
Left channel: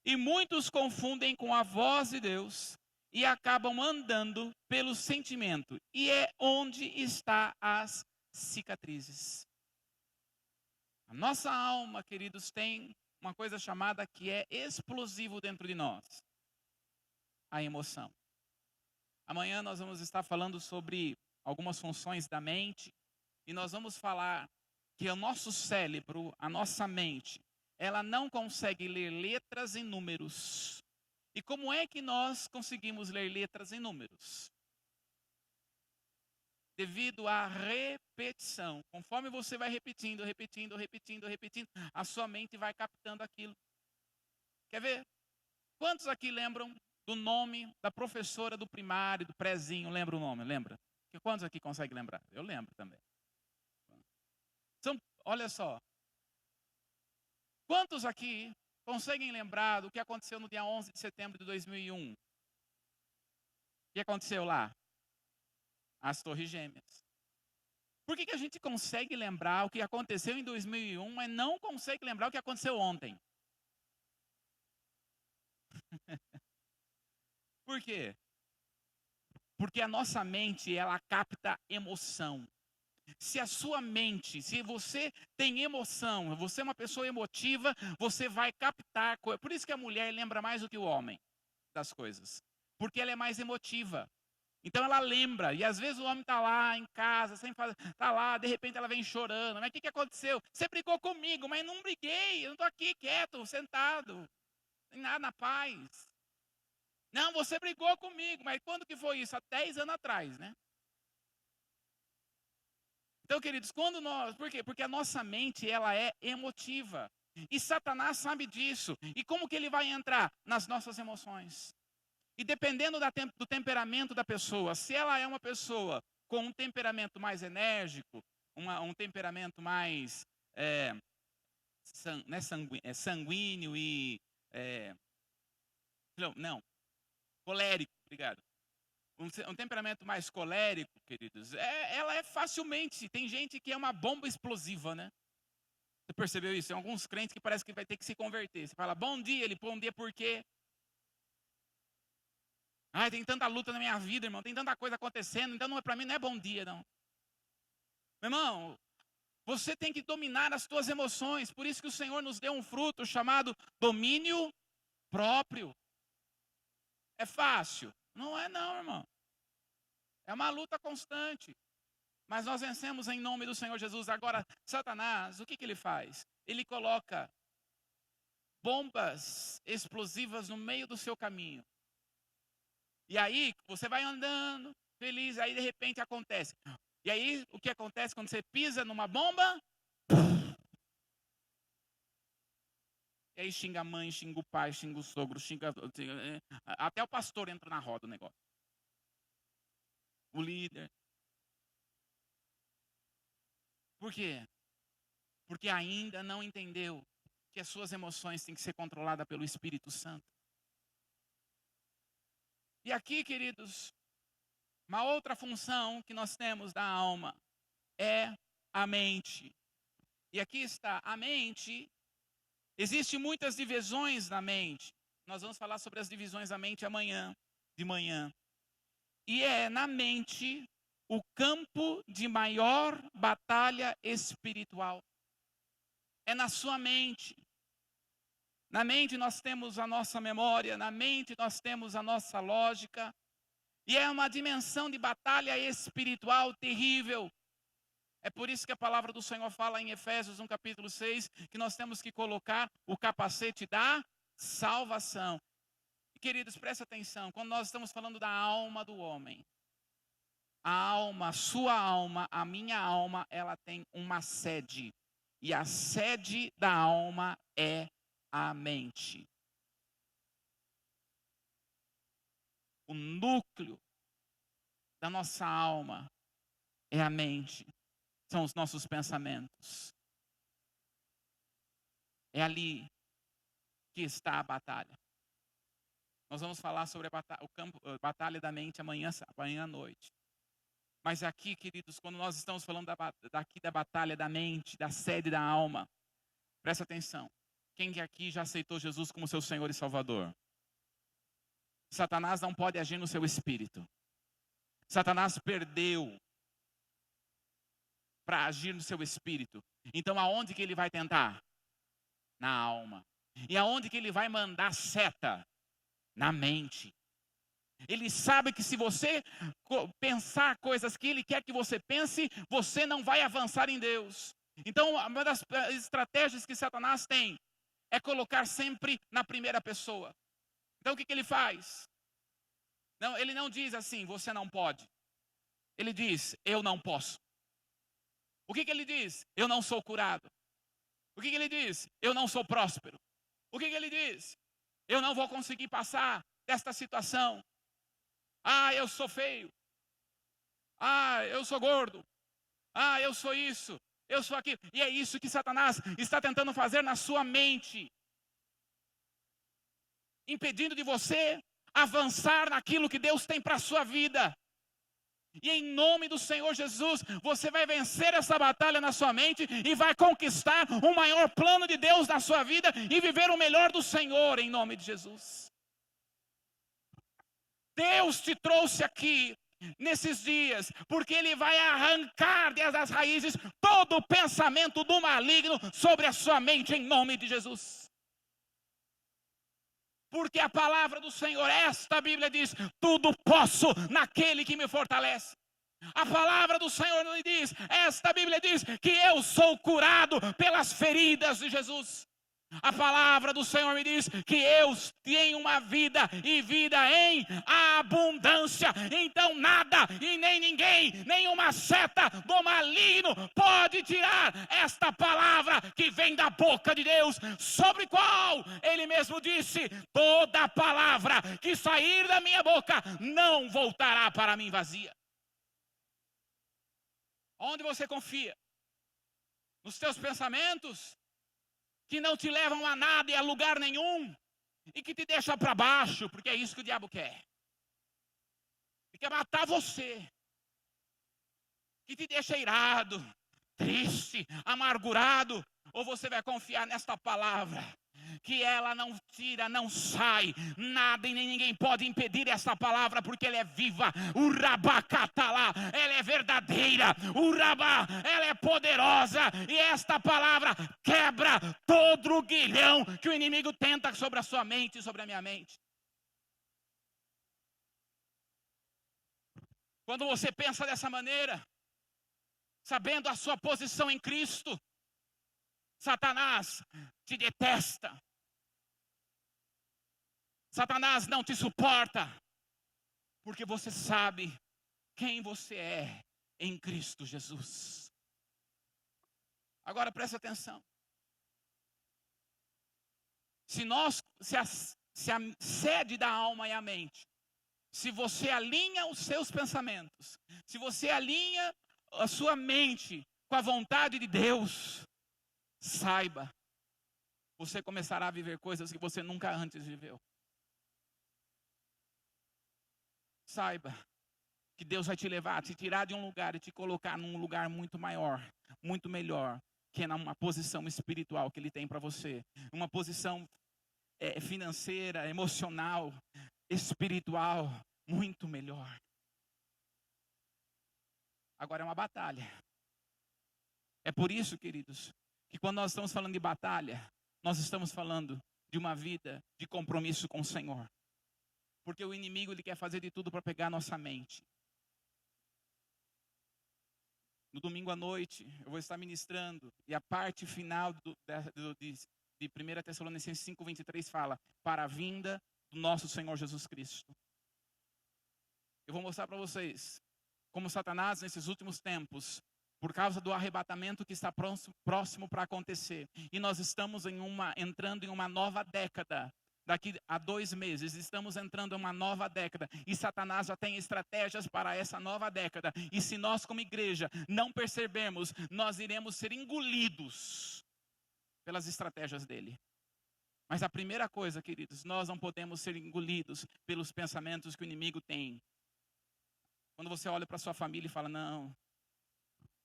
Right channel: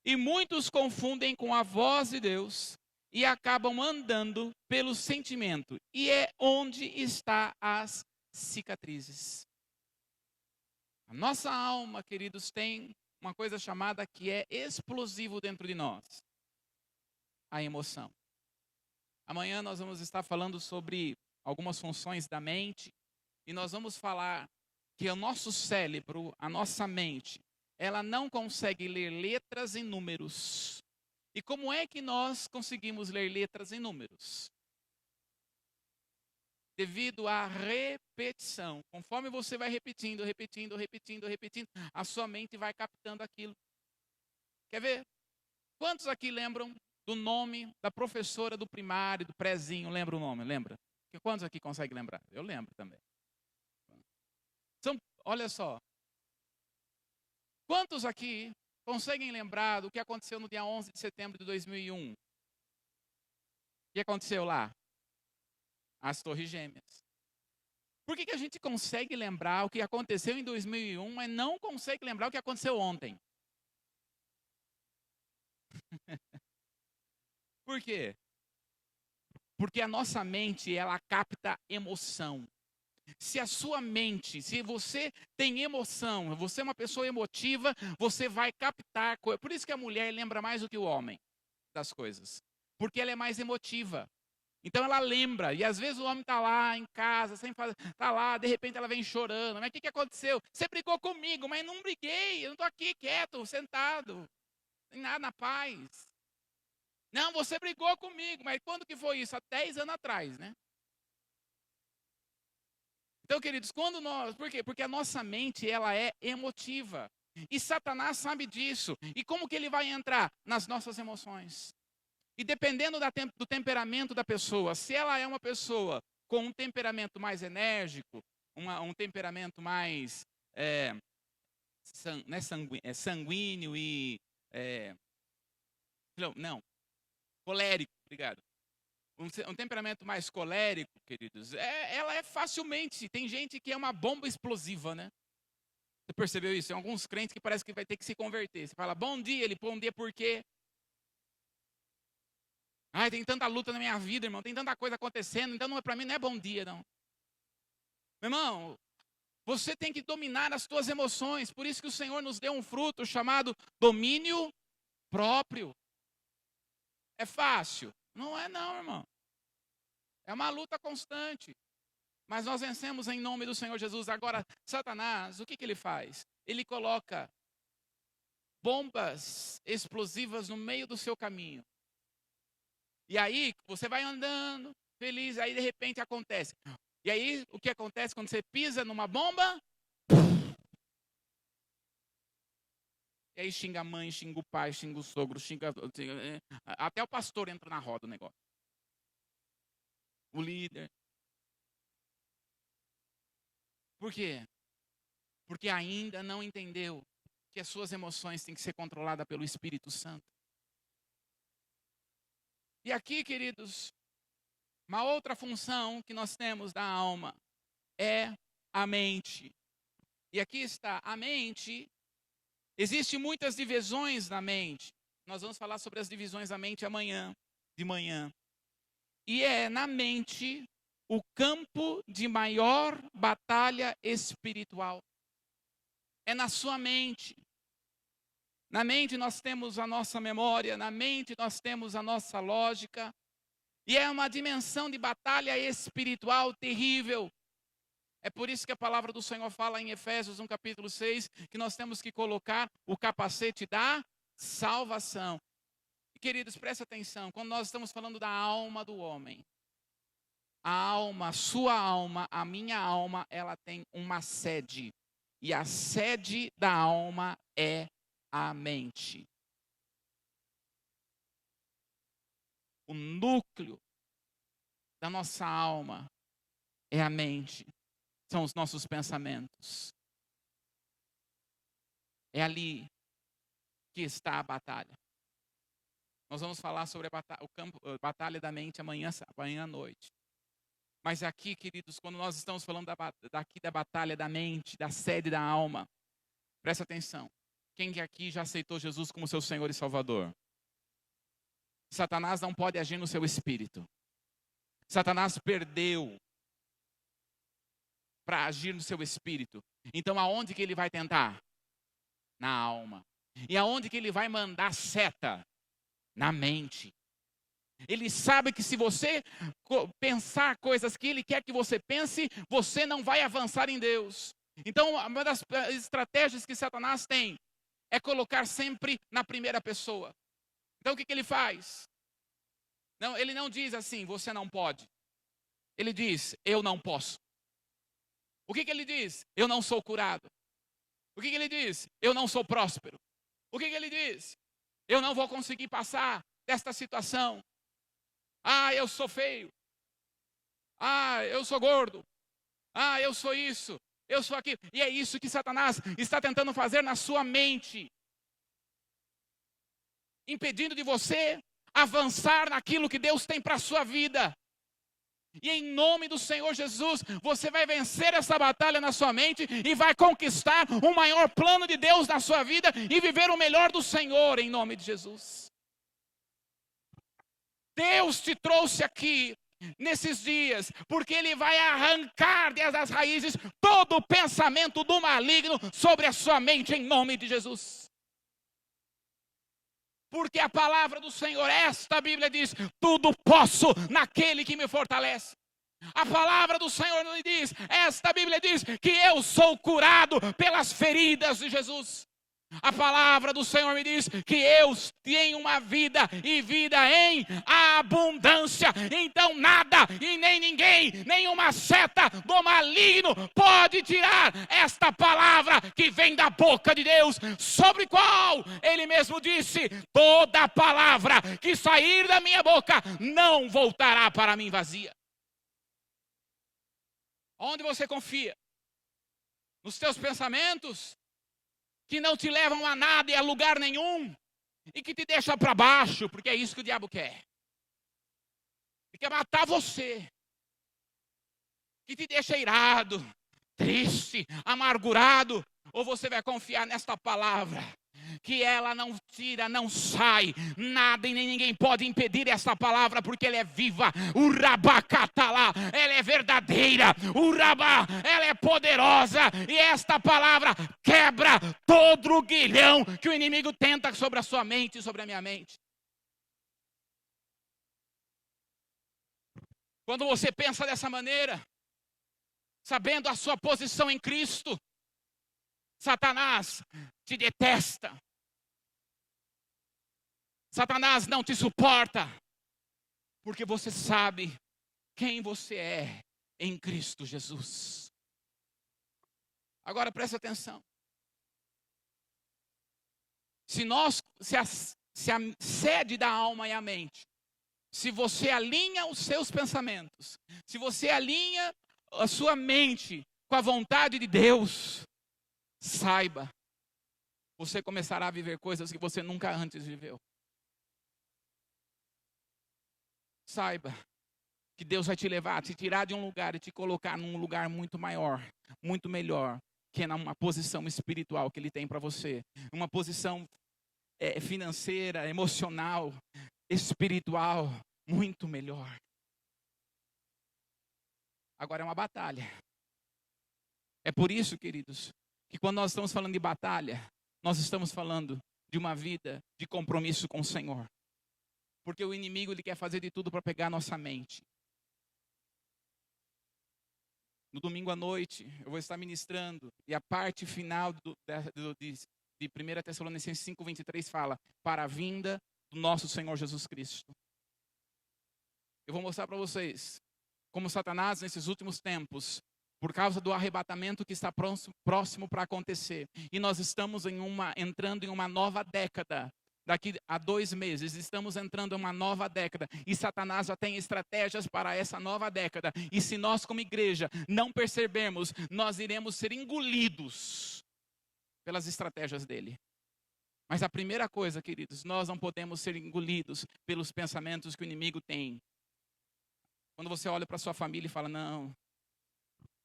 E muitos confundem com a voz de Deus e acabam andando pelo sentimento. E é onde está as cicatrizes. A nossa alma, queridos, tem uma coisa chamada que é explosivo dentro de nós. A emoção. Amanhã nós vamos estar falando sobre algumas funções da mente. E nós vamos falar que o nosso cérebro, a nossa mente, ela não consegue ler letras e números. E como é que nós conseguimos ler letras e números? Devido à repetição. Conforme você vai repetindo, a sua mente vai captando aquilo. Quer ver? Quantos aqui lembram do nome da professora do primário, do prézinho? Lembra o nome? Lembra? Quantos aqui conseguem lembrar? Eu lembro também. Olha só. Quantos aqui conseguem lembrar do que aconteceu no dia 11 de setembro de 2001? O que aconteceu lá? As Torres Gêmeas. Por que a gente consegue lembrar o que aconteceu em 2001, mas não consegue lembrar o que aconteceu ontem? Por quê? Porque a nossa mente, ela capta emoção. Se a sua mente, se você tem emoção, você é uma pessoa emotiva, você vai captar coisas. Por isso que a mulher lembra mais do que o homem das coisas. Porque ela é mais emotiva. Então ela lembra, e às vezes o homem está lá em casa, sem fazer, está lá, de repente ela vem chorando. Mas o que aconteceu? Você brigou comigo, mas não briguei, eu não estou aqui quieto, sentado, sem nada na paz. Não, você brigou comigo, mas quando que foi isso? Há 10 anos atrás, né? Então, queridos, por quê? Porque a nossa mente, ela é emotiva. E Satanás sabe disso. E como que ele vai entrar? Nas nossas emoções. E dependendo do temperamento da pessoa, se ela é uma pessoa com um temperamento mais enérgico, um temperamento mais sanguíneo e colérico, obrigado. Um temperamento mais colérico, queridos, ela é facilmente, tem gente que é uma bomba explosiva, né? Você percebeu isso? Tem alguns crentes que parece que vai ter que se converter. Você fala, bom dia, ele bom dia por quê? Ai, tem tanta luta na minha vida, irmão, tem tanta coisa acontecendo, então para mim não é bom dia, não. Meu irmão, você tem que dominar as suas emoções, por isso que o Senhor nos deu um fruto chamado domínio próprio. É fácil? Não é não, irmão. É uma luta constante. Mas nós vencemos em nome do Senhor Jesus. Agora, Satanás, o que ele faz? Ele coloca bombas explosivas no meio do seu caminho. E aí, você vai andando, feliz, aí de repente acontece. E aí, o que acontece quando você pisa numa bomba? E aí xinga a mãe, xinga o pai, xinga o sogro, até o pastor entra na roda do negócio. O líder. Por quê? Porque ainda não entendeu que as suas emoções têm que ser controladas pelo Espírito Santo. E aqui, queridos, uma outra função que nós temos da alma é a mente. E aqui está, a mente, existem muitas divisões na mente. Nós vamos falar sobre as divisões da mente amanhã, de manhã. E é na mente o campo de maior batalha espiritual. É na sua mente. Na mente nós temos a nossa memória, na mente nós temos a nossa lógica. E é uma dimensão de batalha espiritual terrível. É por isso que a palavra do Senhor fala em Efésios, no capítulo 6, que nós temos que colocar o capacete da salvação. E, queridos, presta atenção, quando nós estamos falando da alma do homem, a alma, a sua alma, a minha alma, ela tem uma sede. E a sede da alma é a mente. O núcleo da nossa alma é a mente. São os nossos pensamentos. É ali que está a batalha. Nós vamos falar sobre a batalha da mente amanhã à noite. Mas aqui, queridos, quando nós estamos falando da batalha da mente, da sede da alma, presta atenção. Quem aqui já aceitou Jesus como seu Senhor e Salvador? Satanás não pode agir no seu espírito. Satanás perdeu para agir no seu espírito. Então aonde que ele vai tentar? Na alma. E aonde que ele vai mandar seta? Na mente. Ele sabe que se você pensar coisas que ele quer que você pense, você não vai avançar em Deus. Então uma das estratégias que Satanás tem é colocar sempre na primeira pessoa. Então o que ele faz? Não, ele não diz assim, você não pode. Ele diz, eu não posso. O que ele diz? Eu não sou curado. O que ele diz? Eu não sou próspero. O que ele diz? Eu não vou conseguir passar desta situação. Ah, eu sou feio. Ah, eu sou gordo. Ah, eu sou isso. Eu sou aquilo. E é isso que Satanás está tentando fazer na sua mente. Impedindo de você avançar naquilo que Deus tem para a sua vida. E em nome do Senhor Jesus, você vai vencer essa batalha na sua mente e vai conquistar o maior plano de Deus na sua vida e viver o melhor do Senhor em nome de Jesus. Deus te trouxe aqui nesses dias, porque Ele vai arrancar desde as raízes todo o pensamento do maligno sobre a sua mente em nome de Jesus. Porque a palavra do Senhor, esta Bíblia diz, tudo posso naquele que me fortalece. A palavra do Senhor nos diz, esta Bíblia diz que eu sou curado pelas feridas de Jesus. A palavra do Senhor me diz que eu tenho uma vida e vida em abundância. Então nada e nem ninguém, nenhuma seta do maligno pode tirar esta palavra que vem da boca de Deus, sobre qual Ele mesmo disse, toda palavra que sair da minha boca não voltará para mim vazia. Onde você confia? Nos teus pensamentos? Que não te levam a nada e a lugar nenhum, e que te deixam para baixo, porque é isso que o diabo quer. Ele quer matar você, que te deixa irado, triste, amargurado, ou você vai confiar nesta palavra, que ela não tira, não sai, nada e nem ninguém pode impedir essa palavra, porque ela é viva, o rabacatalá, ela é verdadeira, o rabá, ela é poderosa, e esta palavra quebra todo o grilhão que o inimigo tenta sobre a sua mente e sobre a minha mente. Quando você pensa dessa maneira, sabendo a sua posição em Cristo, Satanás te detesta. Satanás não te suporta. Porque você sabe quem você é em Cristo Jesus. Agora preste atenção. Se a sede da alma e a mente, se você alinha os seus pensamentos, se você alinha a sua mente com a vontade de Deus, saiba, você começará a viver coisas que você nunca antes viveu. Saiba que Deus vai te levar, te tirar de um lugar e te colocar num lugar muito maior, muito melhor, que é numa posição espiritual que Ele tem para você. Uma posição financeira, emocional, espiritual, muito melhor. Agora é uma batalha. É por isso, queridos, que quando nós estamos falando de batalha, nós estamos falando de uma vida de compromisso com o Senhor. Porque o inimigo, ele quer fazer de tudo para pegar a nossa mente. No domingo à noite, eu vou estar ministrando, e a parte final de 1 Tessalonicenses 5:23 fala, para a vinda do nosso Senhor Jesus Cristo. Eu vou mostrar para vocês como Satanás, nesses últimos tempos, por causa do arrebatamento que está próximo para acontecer, e nós estamos entrando em uma nova década. Daqui a 2 meses, estamos entrando em uma nova década, e Satanás já tem estratégias para essa nova década, e se nós como igreja não percebermos, nós iremos ser engolidos pelas estratégias dele. Mas a primeira coisa, queridos, nós não podemos ser engolidos pelos pensamentos que o inimigo tem. Quando você olha para sua família e fala, não,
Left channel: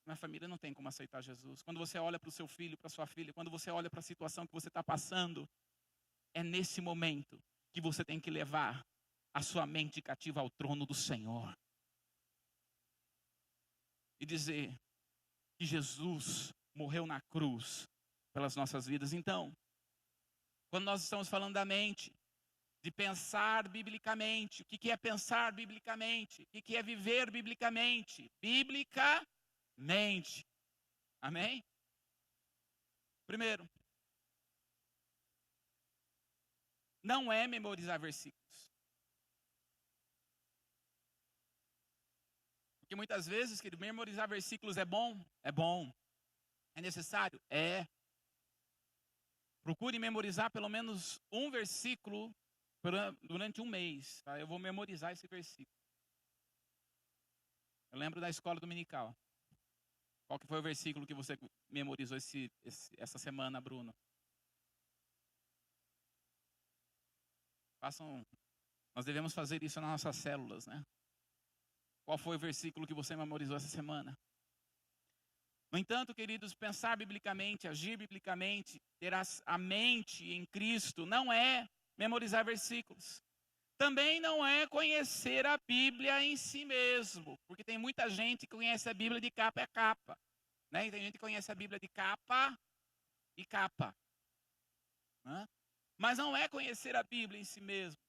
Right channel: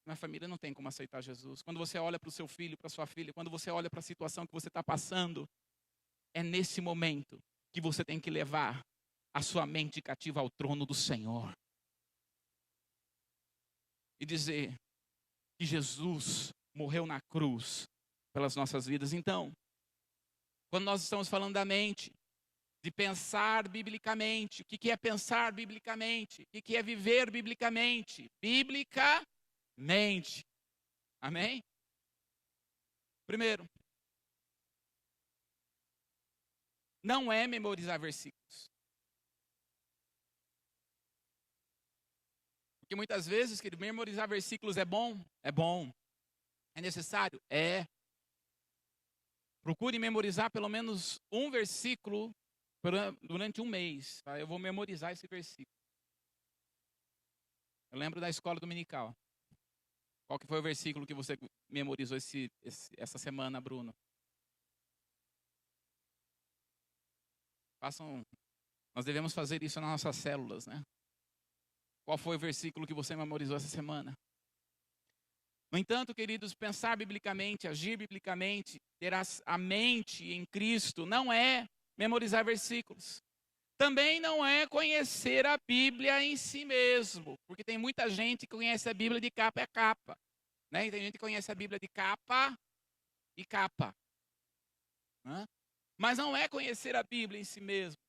minha família não tem como aceitar Jesus. Quando você olha para o seu filho, para a sua filha, quando você olha para a situação que você está passando, é nesse momento que você tem que levar a sua mente cativa ao trono do Senhor. E dizer que Jesus morreu na cruz pelas nossas vidas. Então, quando nós estamos falando da mente, de pensar biblicamente, o que é pensar biblicamente? O que é viver biblicamente? Biblicamente. Amém? Primeiro, não é memorizar versículos. Porque muitas vezes, que memorizar versículos é bom? É bom. É necessário? É. Procure memorizar pelo menos um versículo durante um mês. Tá? Eu vou memorizar esse versículo. Eu lembro da escola dominical. Qual que foi o versículo que você memorizou essa semana, Bruno? Nós devemos fazer isso nas nossas células, né? Qual foi o versículo que você memorizou essa semana? No entanto, queridos, pensar biblicamente, agir biblicamente, ter a mente em Cristo, não é memorizar versículos. Também não é conhecer a Bíblia em si mesmo, porque tem muita gente que conhece a Bíblia de capa a capa, né? E tem gente que conhece a Bíblia de capa e capa, né? Mas não é conhecer a Bíblia em si mesmo.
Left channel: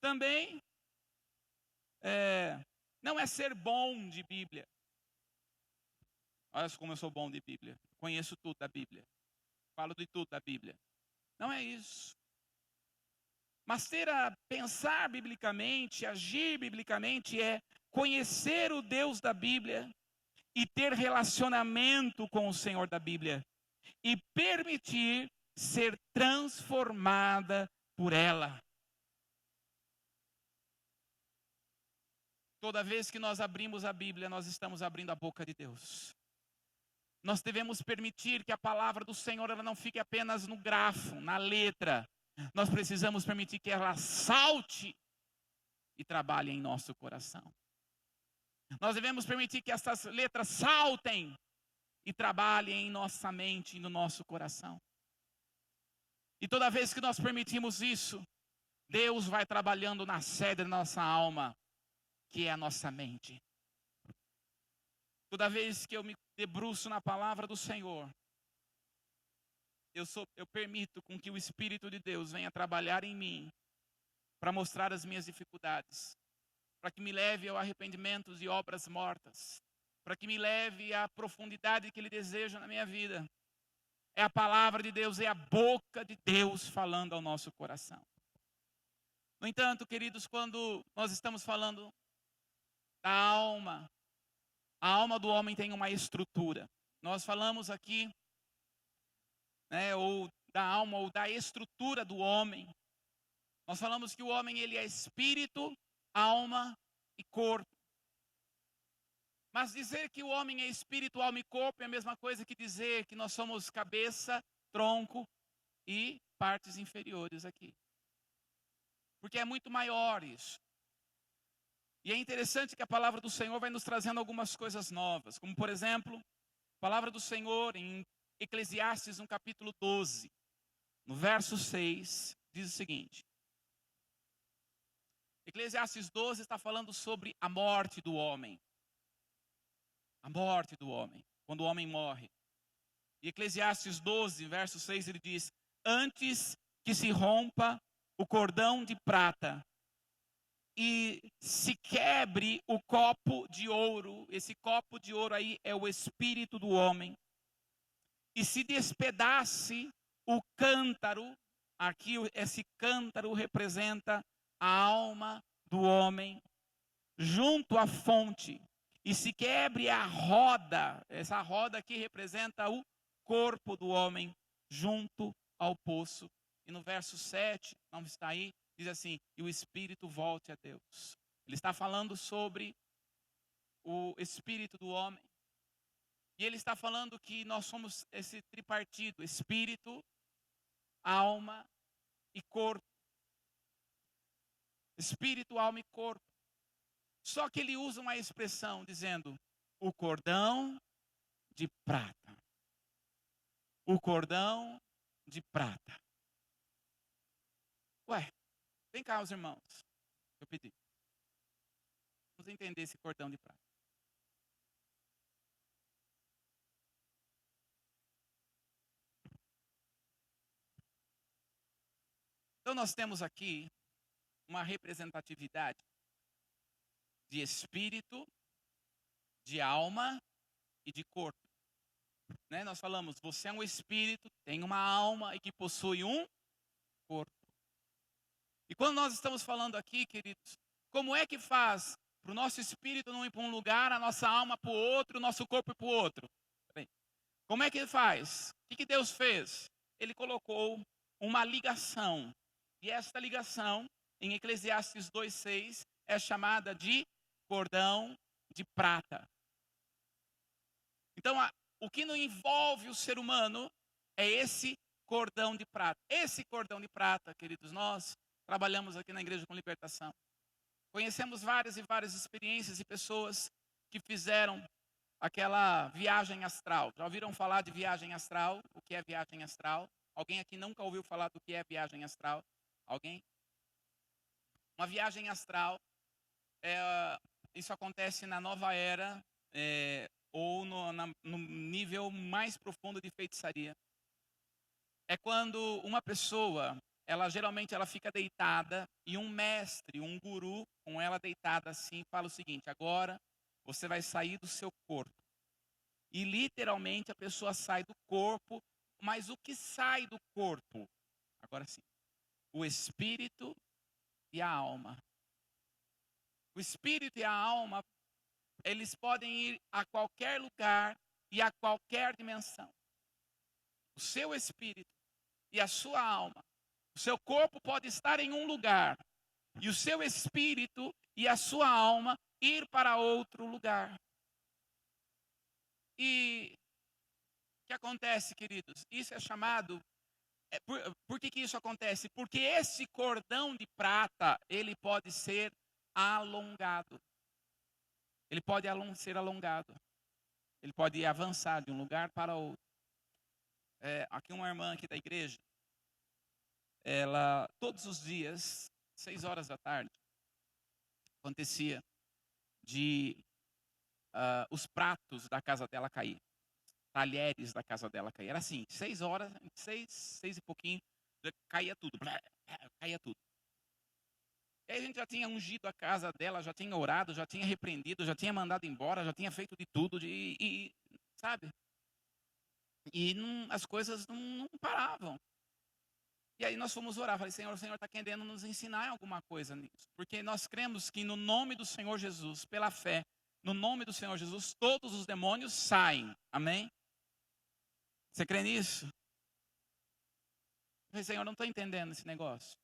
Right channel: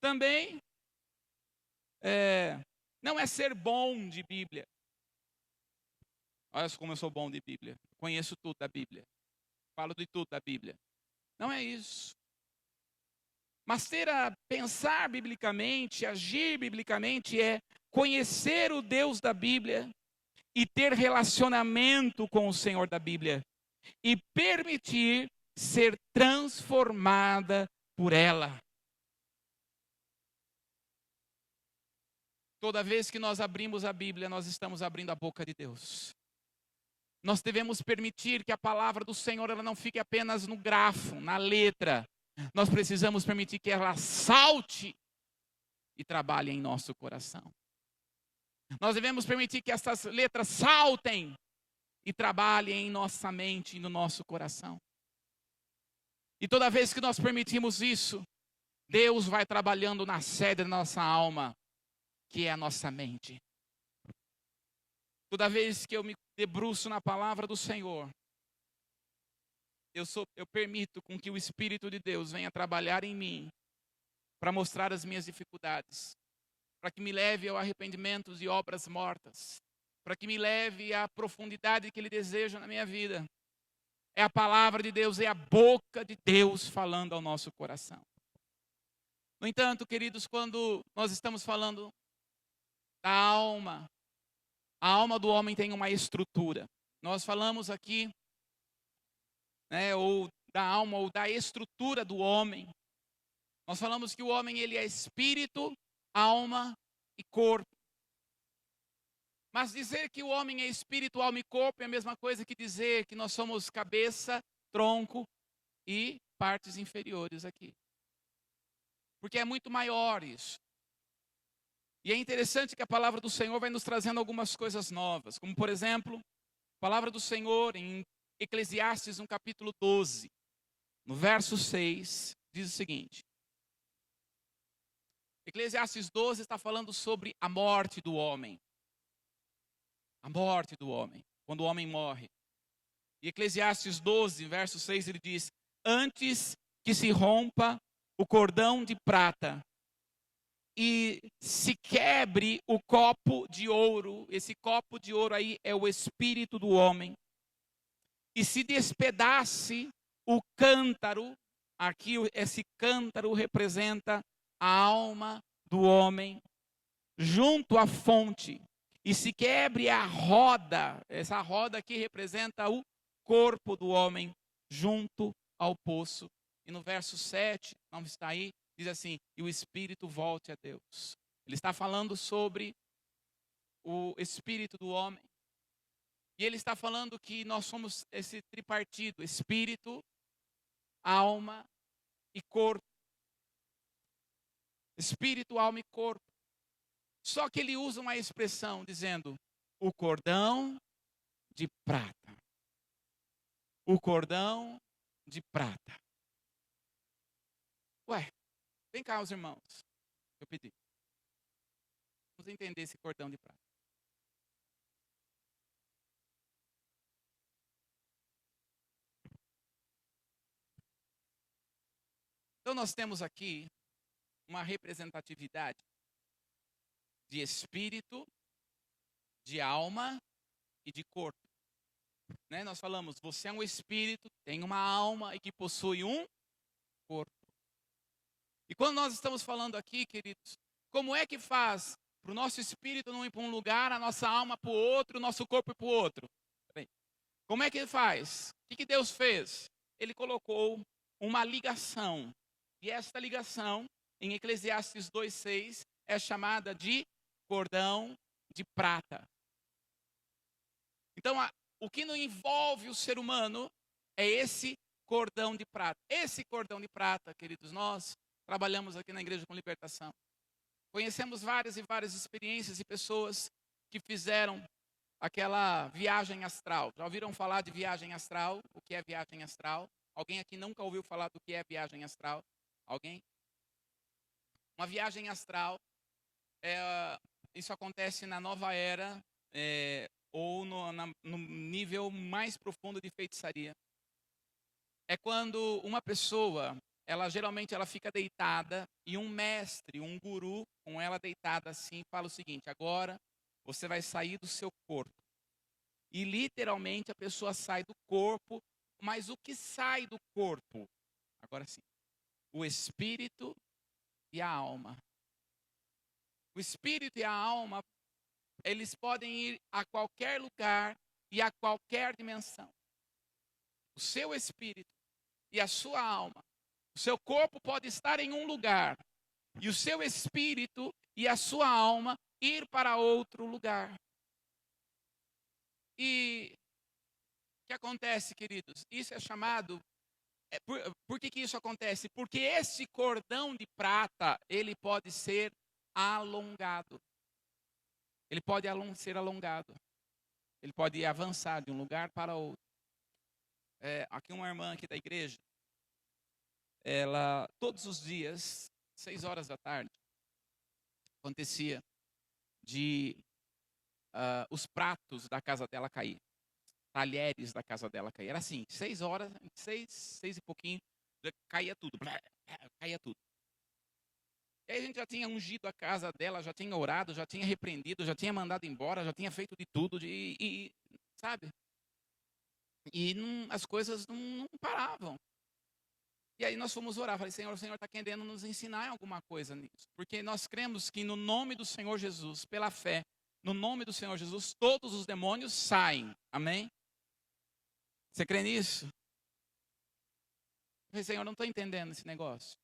Também não é ser bom de Bíblia. Olha como eu sou bom de Bíblia. Conheço tudo da Bíblia. Falo de tudo da Bíblia. Não é isso. Mas pensar biblicamente, agir biblicamente é conhecer o Deus da Bíblia e ter relacionamento com o Senhor da Bíblia e permitir ser transformada por ela. Toda vez que nós abrimos a Bíblia, nós estamos abrindo a boca de Deus. Nós devemos permitir que a palavra do Senhor ela não fique apenas no grafo, na letra. Nós precisamos permitir que ela salte e trabalhe em nosso coração. Nós devemos permitir que essas letras saltem e trabalhem em nossa mente e no nosso coração. E toda vez que nós permitimos isso, Deus vai trabalhando na sede da nossa alma, que é a nossa mente. Toda vez que eu me debruço na palavra do Senhor, eu permito com que o Espírito de Deus venha trabalhar em mim, para mostrar as minhas dificuldades, para que me leve ao arrependimento e obras mortas, para que me leve à profundidade que Ele deseja na minha vida. É a palavra de Deus, é a boca de Deus falando ao nosso coração. No entanto, queridos, quando nós estamos falando da alma, a alma do homem tem uma estrutura. Nós falamos aqui, ou da alma, ou da estrutura do homem. Nós falamos que o homem ele é espírito, alma e corpo. Mas dizer que o homem é espírito, alma e corpo é a mesma coisa que dizer que nós somos cabeça, tronco e partes inferiores aqui. Porque é muito maior isso. E é interessante que a palavra do Senhor vai nos trazendo algumas coisas novas. Como, por exemplo, a palavra do Senhor em Eclesiastes, no capítulo 12, no verso 6, diz o seguinte. Eclesiastes 12 está falando sobre a morte do homem. A morte do homem, quando o homem morre. E Eclesiastes 12, verso 6, ele diz: antes que se rompa o cordão de prata e se quebre o copo de ouro, esse copo de ouro aí é o espírito do homem, e se despedace o cântaro, aqui esse cântaro representa a alma do homem, junto à fonte, e se quebre a roda, essa roda aqui representa o corpo do homem, junto ao poço. E no verso 7, não está aí, diz assim, e o espírito volte a Deus. Ele está falando sobre o espírito do homem. E ele está falando que nós somos esse tripartido, espírito, alma e corpo. Espírito, alma e corpo. Só que ele usa uma expressão dizendo, o cordão de prata. O cordão de prata. Ué, vem cá os irmãos, eu pedi. Vamos entender esse cordão de prata. Então nós temos aqui uma representatividade de espírito, de alma e de corpo. Né? Nós falamos, você é um espírito, tem uma alma e que possui um corpo. E quando nós estamos falando aqui, queridos, como é que faz para o nosso espírito não ir para um lugar, a nossa alma para o outro, o nosso corpo para o outro? Bem, como é que ele faz? O que Deus fez? Ele colocou uma ligação. E esta ligação, em Eclesiastes 2,6, é chamada de cordão de prata. Então, o que não envolve o ser humano é esse cordão de prata. Esse cordão de prata, queridos, nós trabalhamos aqui na Igreja com Libertação. Conhecemos várias e várias experiências e pessoas que fizeram aquela viagem astral. Já ouviram falar de viagem astral? O que é viagem astral? Alguém aqui nunca ouviu falar do que é viagem astral? Alguém? Uma viagem astral, isso acontece na nova era, ou no nível mais profundo de feitiçaria. É quando uma pessoa, geralmente ela fica deitada e um mestre, um guru, com ela deitada assim, fala o seguinte, agora você vai sair do seu corpo. E literalmente a pessoa sai do corpo, mas o que sai do corpo? Agora sim, o espírito e a alma. O espírito e a alma, eles podem ir a qualquer lugar e a qualquer dimensão. O seu espírito e a sua alma, o seu corpo pode estar em um lugar e o seu espírito e a sua alma ir para outro lugar. E o que acontece, queridos? Isso é chamado... Por que isso acontece? Porque esse cordão de prata, ele pode ser alongado. Ele pode ser alongado. Ele pode avançar de um lugar para outro. Aqui uma irmã aqui da igreja, ela, todos os dias, 6 horas da tarde, acontecia de os pratos da casa dela cair. Talheres da casa dela cair. Era assim, 6 horas, 6 e pouquinho, caía tudo. Caía tudo. E aí a gente já tinha ungido a casa dela, já tinha orado, já tinha repreendido, já tinha mandado embora, já tinha feito de tudo, sabe? E as coisas não paravam. E aí nós fomos orar, falei, Senhor, o Senhor está querendo nos ensinar alguma coisa nisso. Porque nós cremos que no nome do Senhor Jesus, pela fé, no nome do Senhor Jesus, todos os demônios saem. Amém? Você crê nisso? Eu falei, Senhor, não estou entendendo esse negócio.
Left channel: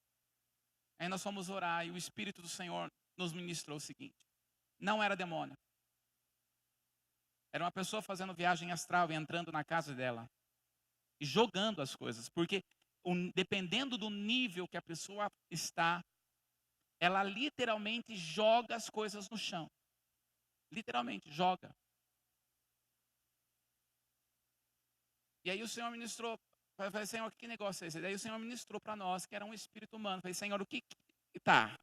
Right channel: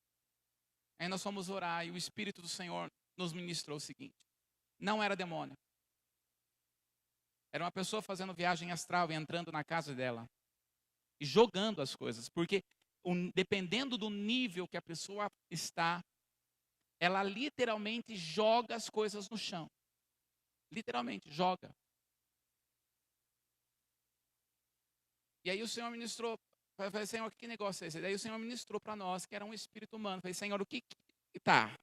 Aí nós fomos orar e o Espírito do Senhor nos ministrou o seguinte. Não era demônio. Era uma pessoa fazendo viagem astral e entrando na casa dela e jogando as coisas, porque dependendo do nível que a pessoa está, ela literalmente joga as coisas no chão. Literalmente, joga. E aí o Senhor ministrou, eu falei, Senhor, que negócio é esse? Daí o Senhor ministrou para nós que era um espírito humano. Eu falei, Senhor, o que tá?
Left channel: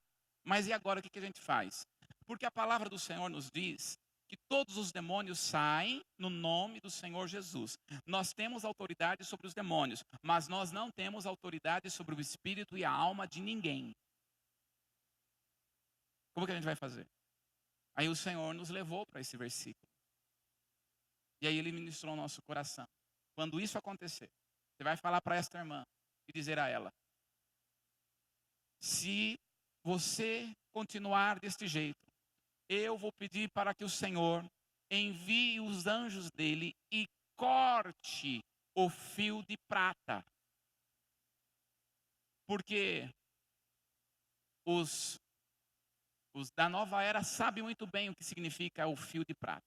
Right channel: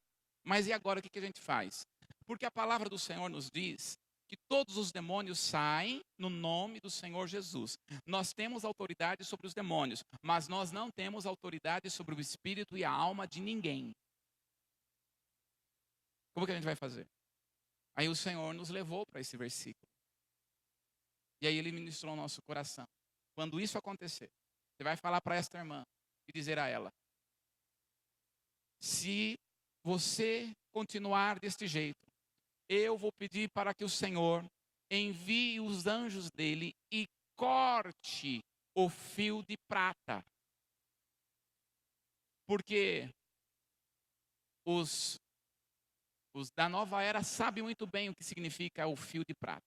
Mas e agora o que a gente faz? Porque a palavra do Senhor nos diz que todos os demônios saem no nome do Senhor Jesus. Nós temos autoridade sobre os demônios, mas nós não temos autoridade sobre o espírito e a alma de ninguém. Como que a gente vai fazer? Aí o Senhor nos levou para esse versículo. E aí ele ministrou o nosso coração. Quando isso acontecer, você vai falar para esta irmã e dizer a ela: se você continuar deste jeito, eu vou pedir para que o Senhor envie os anjos dele e corte o fio de prata. Porque os da nova era sabem muito bem o que significa o fio de prata.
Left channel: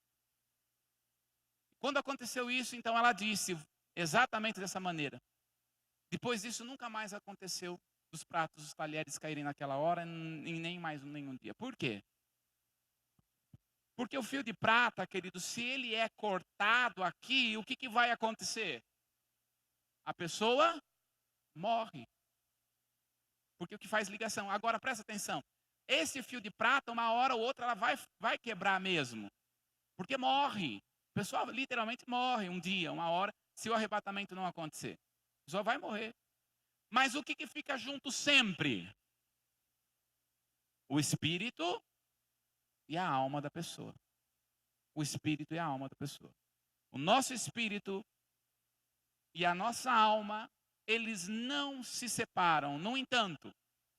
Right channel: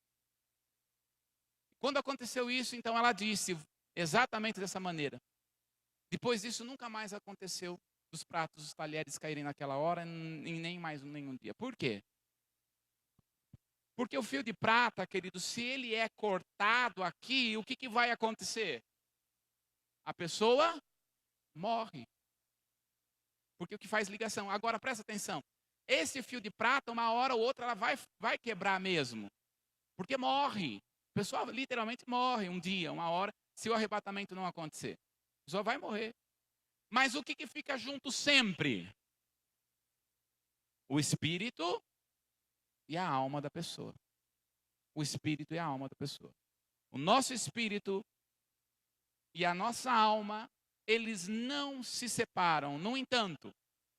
Quando aconteceu isso, então ela disse exatamente dessa maneira. Depois disso, nunca mais aconteceu dos pratos, os talheres caírem naquela hora, e nem mais nenhum dia. Por quê? Porque o fio de prata, querido, se ele é cortado aqui, o que vai acontecer? A pessoa morre. Porque o que faz ligação. Agora, presta atenção. Esse fio de prata, uma hora ou outra, ela vai quebrar mesmo. Porque morre. A pessoa literalmente morre um dia, uma hora, se o arrebatamento não acontecer. A pessoa vai morrer. Mas o que fica junto sempre? O espírito e a alma da pessoa. O espírito e a alma da pessoa. O nosso espírito e a nossa alma, eles não se separam. No entanto,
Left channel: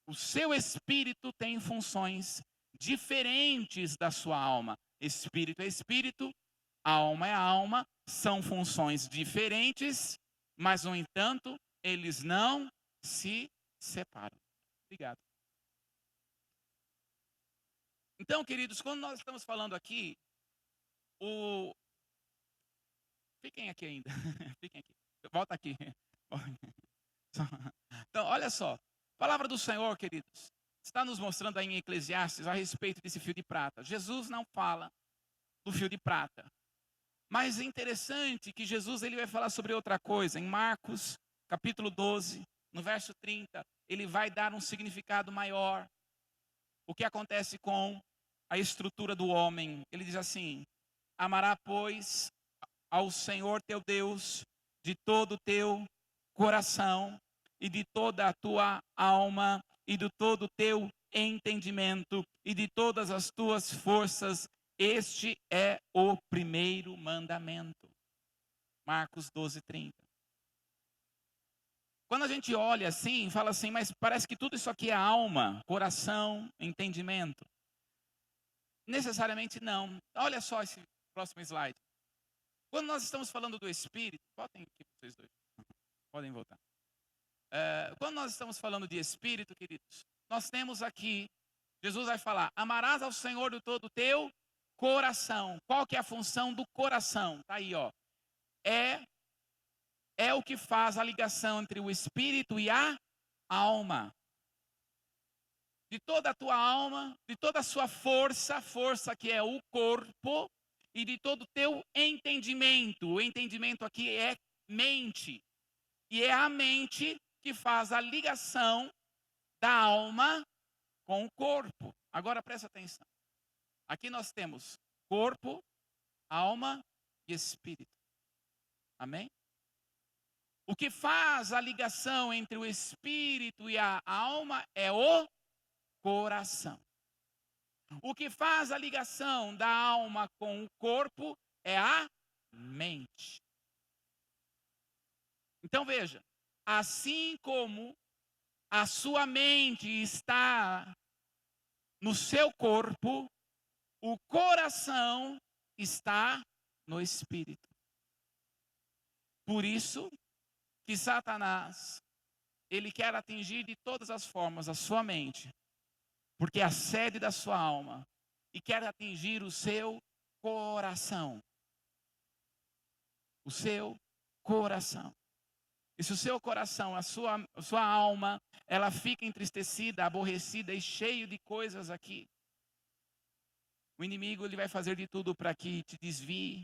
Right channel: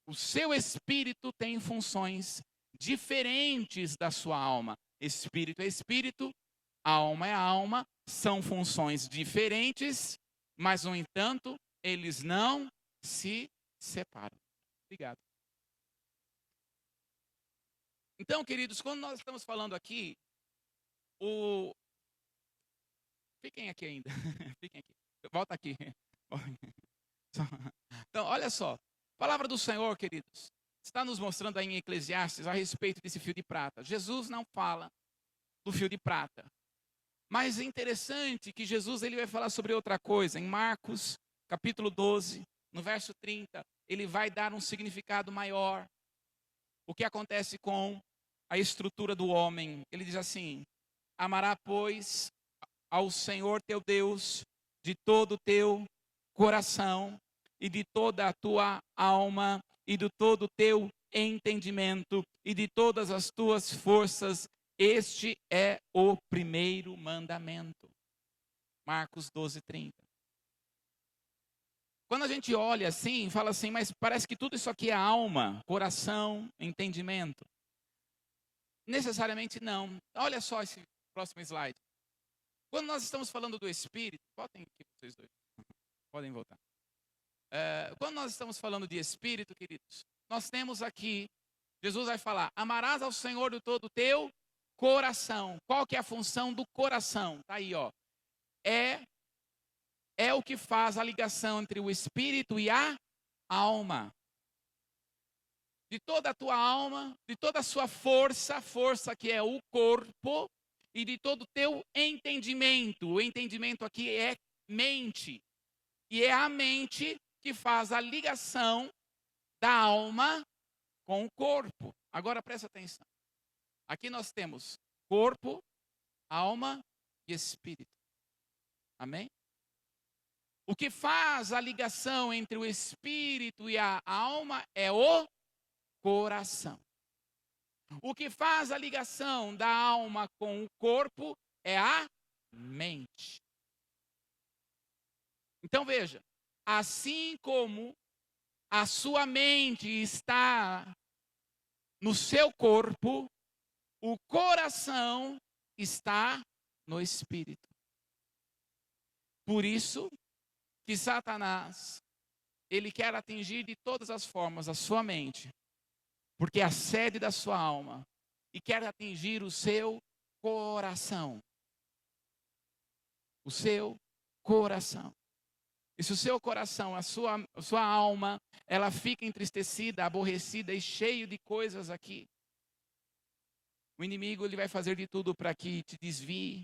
o seu espírito tem funções diferentes da sua alma. Espírito é espírito, alma é alma, são funções diferentes, mas no entanto, eles não se separam. Obrigado. Então, queridos, quando nós estamos falando aqui, fiquem aqui ainda. Fiquem aqui. Volta aqui. Então, olha só. A palavra do Senhor, queridos, está nos mostrando aí em Eclesiastes a respeito desse fio de prata. Jesus não fala do fio de prata. Mas é interessante que Jesus ele vai falar sobre outra coisa. Em Marcos, capítulo 12, no verso 30, ele vai dar um significado maior. O que acontece com a estrutura do homem? Ele diz assim: amará, pois, ao Senhor teu Deus de todo o teu coração e de toda a tua alma e de todo o teu entendimento e de todas as tuas forças. Este é o primeiro mandamento. Marcos 12, 30. Quando a gente olha assim, fala assim, mas parece que tudo isso aqui é alma, coração, entendimento. Necessariamente não. Olha só esse próximo slide. Quando nós estamos falando do Espírito, voltem aqui vocês dois, podem voltar. Quando nós estamos falando de Espírito, queridos, nós temos aqui, Jesus vai falar, amarás ao Senhor do todo o teu coração. Qual que é a função do coração? Está aí, ó. É o que faz a ligação entre o Espírito e a alma. De toda a tua alma, de toda a sua força que é o corpo, e de todo o teu entendimento. O entendimento aqui é mente. E é a mente que faz a ligação da alma com o corpo. Agora presta atenção. Aqui nós temos corpo, alma e espírito. Amém? O que faz a ligação entre o espírito e a alma é o coração. O que faz a ligação da alma com o corpo é a mente. Então veja, assim como a sua mente está no seu corpo, o coração está no espírito. Por isso que Satanás, ele quer atingir de todas as formas a sua mente, porque é a sede da sua alma, e quer atingir o seu coração. o seu coração. E se o seu coração, a sua alma, ela fica entristecida, aborrecida e cheio de coisas aqui, o inimigo ele vai fazer de tudo para que te desvie,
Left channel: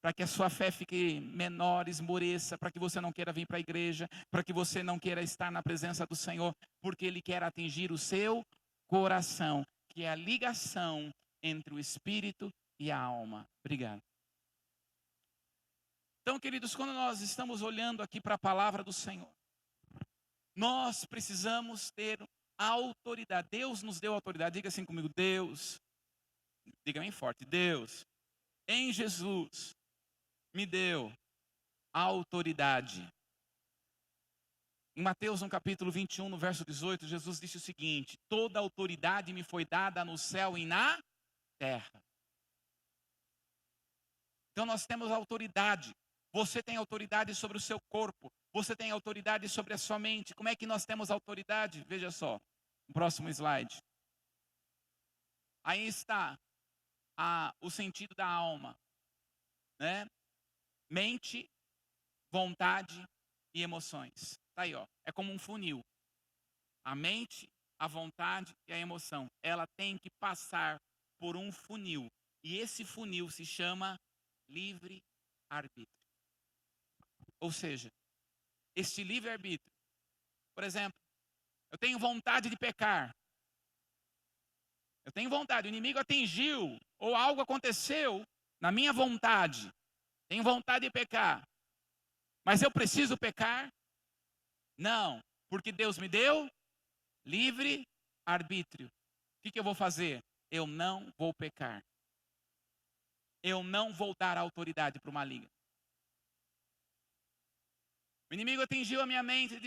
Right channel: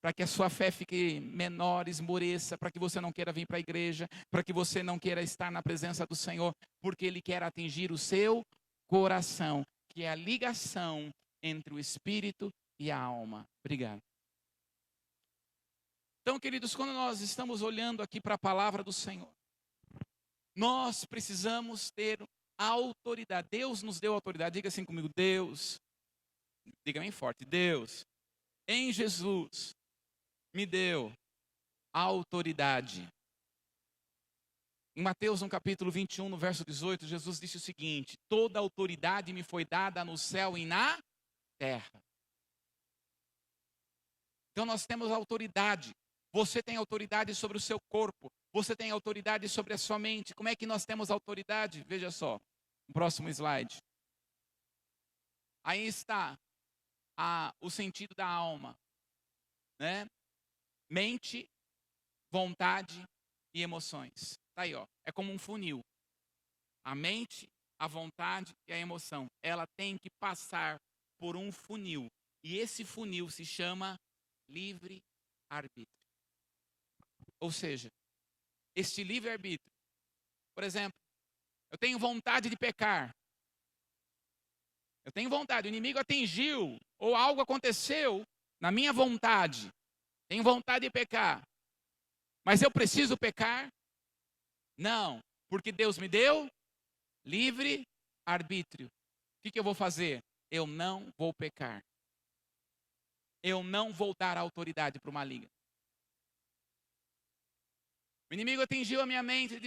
para que a sua fé fique menor, esmoreça, para que você não queira vir para a igreja, para que você não queira estar na presença do Senhor, porque ele quer atingir o seu coração, que é a ligação entre o espírito e a alma. Obrigado. Então, queridos, quando nós estamos olhando aqui para a palavra do Senhor, nós precisamos ter autoridade. Deus nos deu autoridade. Diga assim comigo, Deus, diga bem forte, Deus, em Jesus, me deu autoridade. Em Mateus, no capítulo 21, no verso 18, Jesus disse o seguinte: toda autoridade me foi dada no céu e na terra. Então nós temos autoridade. Você tem autoridade sobre o seu corpo. Você tem autoridade sobre a sua mente. Como é que nós temos autoridade? Veja só, o próximo slide. Aí está o sentido da alma, né? Mente, vontade e emoções. Está aí, ó. É como um funil. A mente, a vontade e a emoção. Ela tem que passar por um funil. E esse funil se chama livre-arbítrio. Ou seja, este livre-arbítrio, por exemplo, eu tenho vontade de pecar. Eu tenho vontade, o inimigo atingiu, ou algo aconteceu na minha vontade. Tenho vontade de pecar. Mas eu preciso pecar? Não, porque Deus me deu livre-arbítrio. O que eu vou fazer? Eu não vou pecar. Eu não vou dar autoridade para o maligno. O inimigo atingiu a minha mente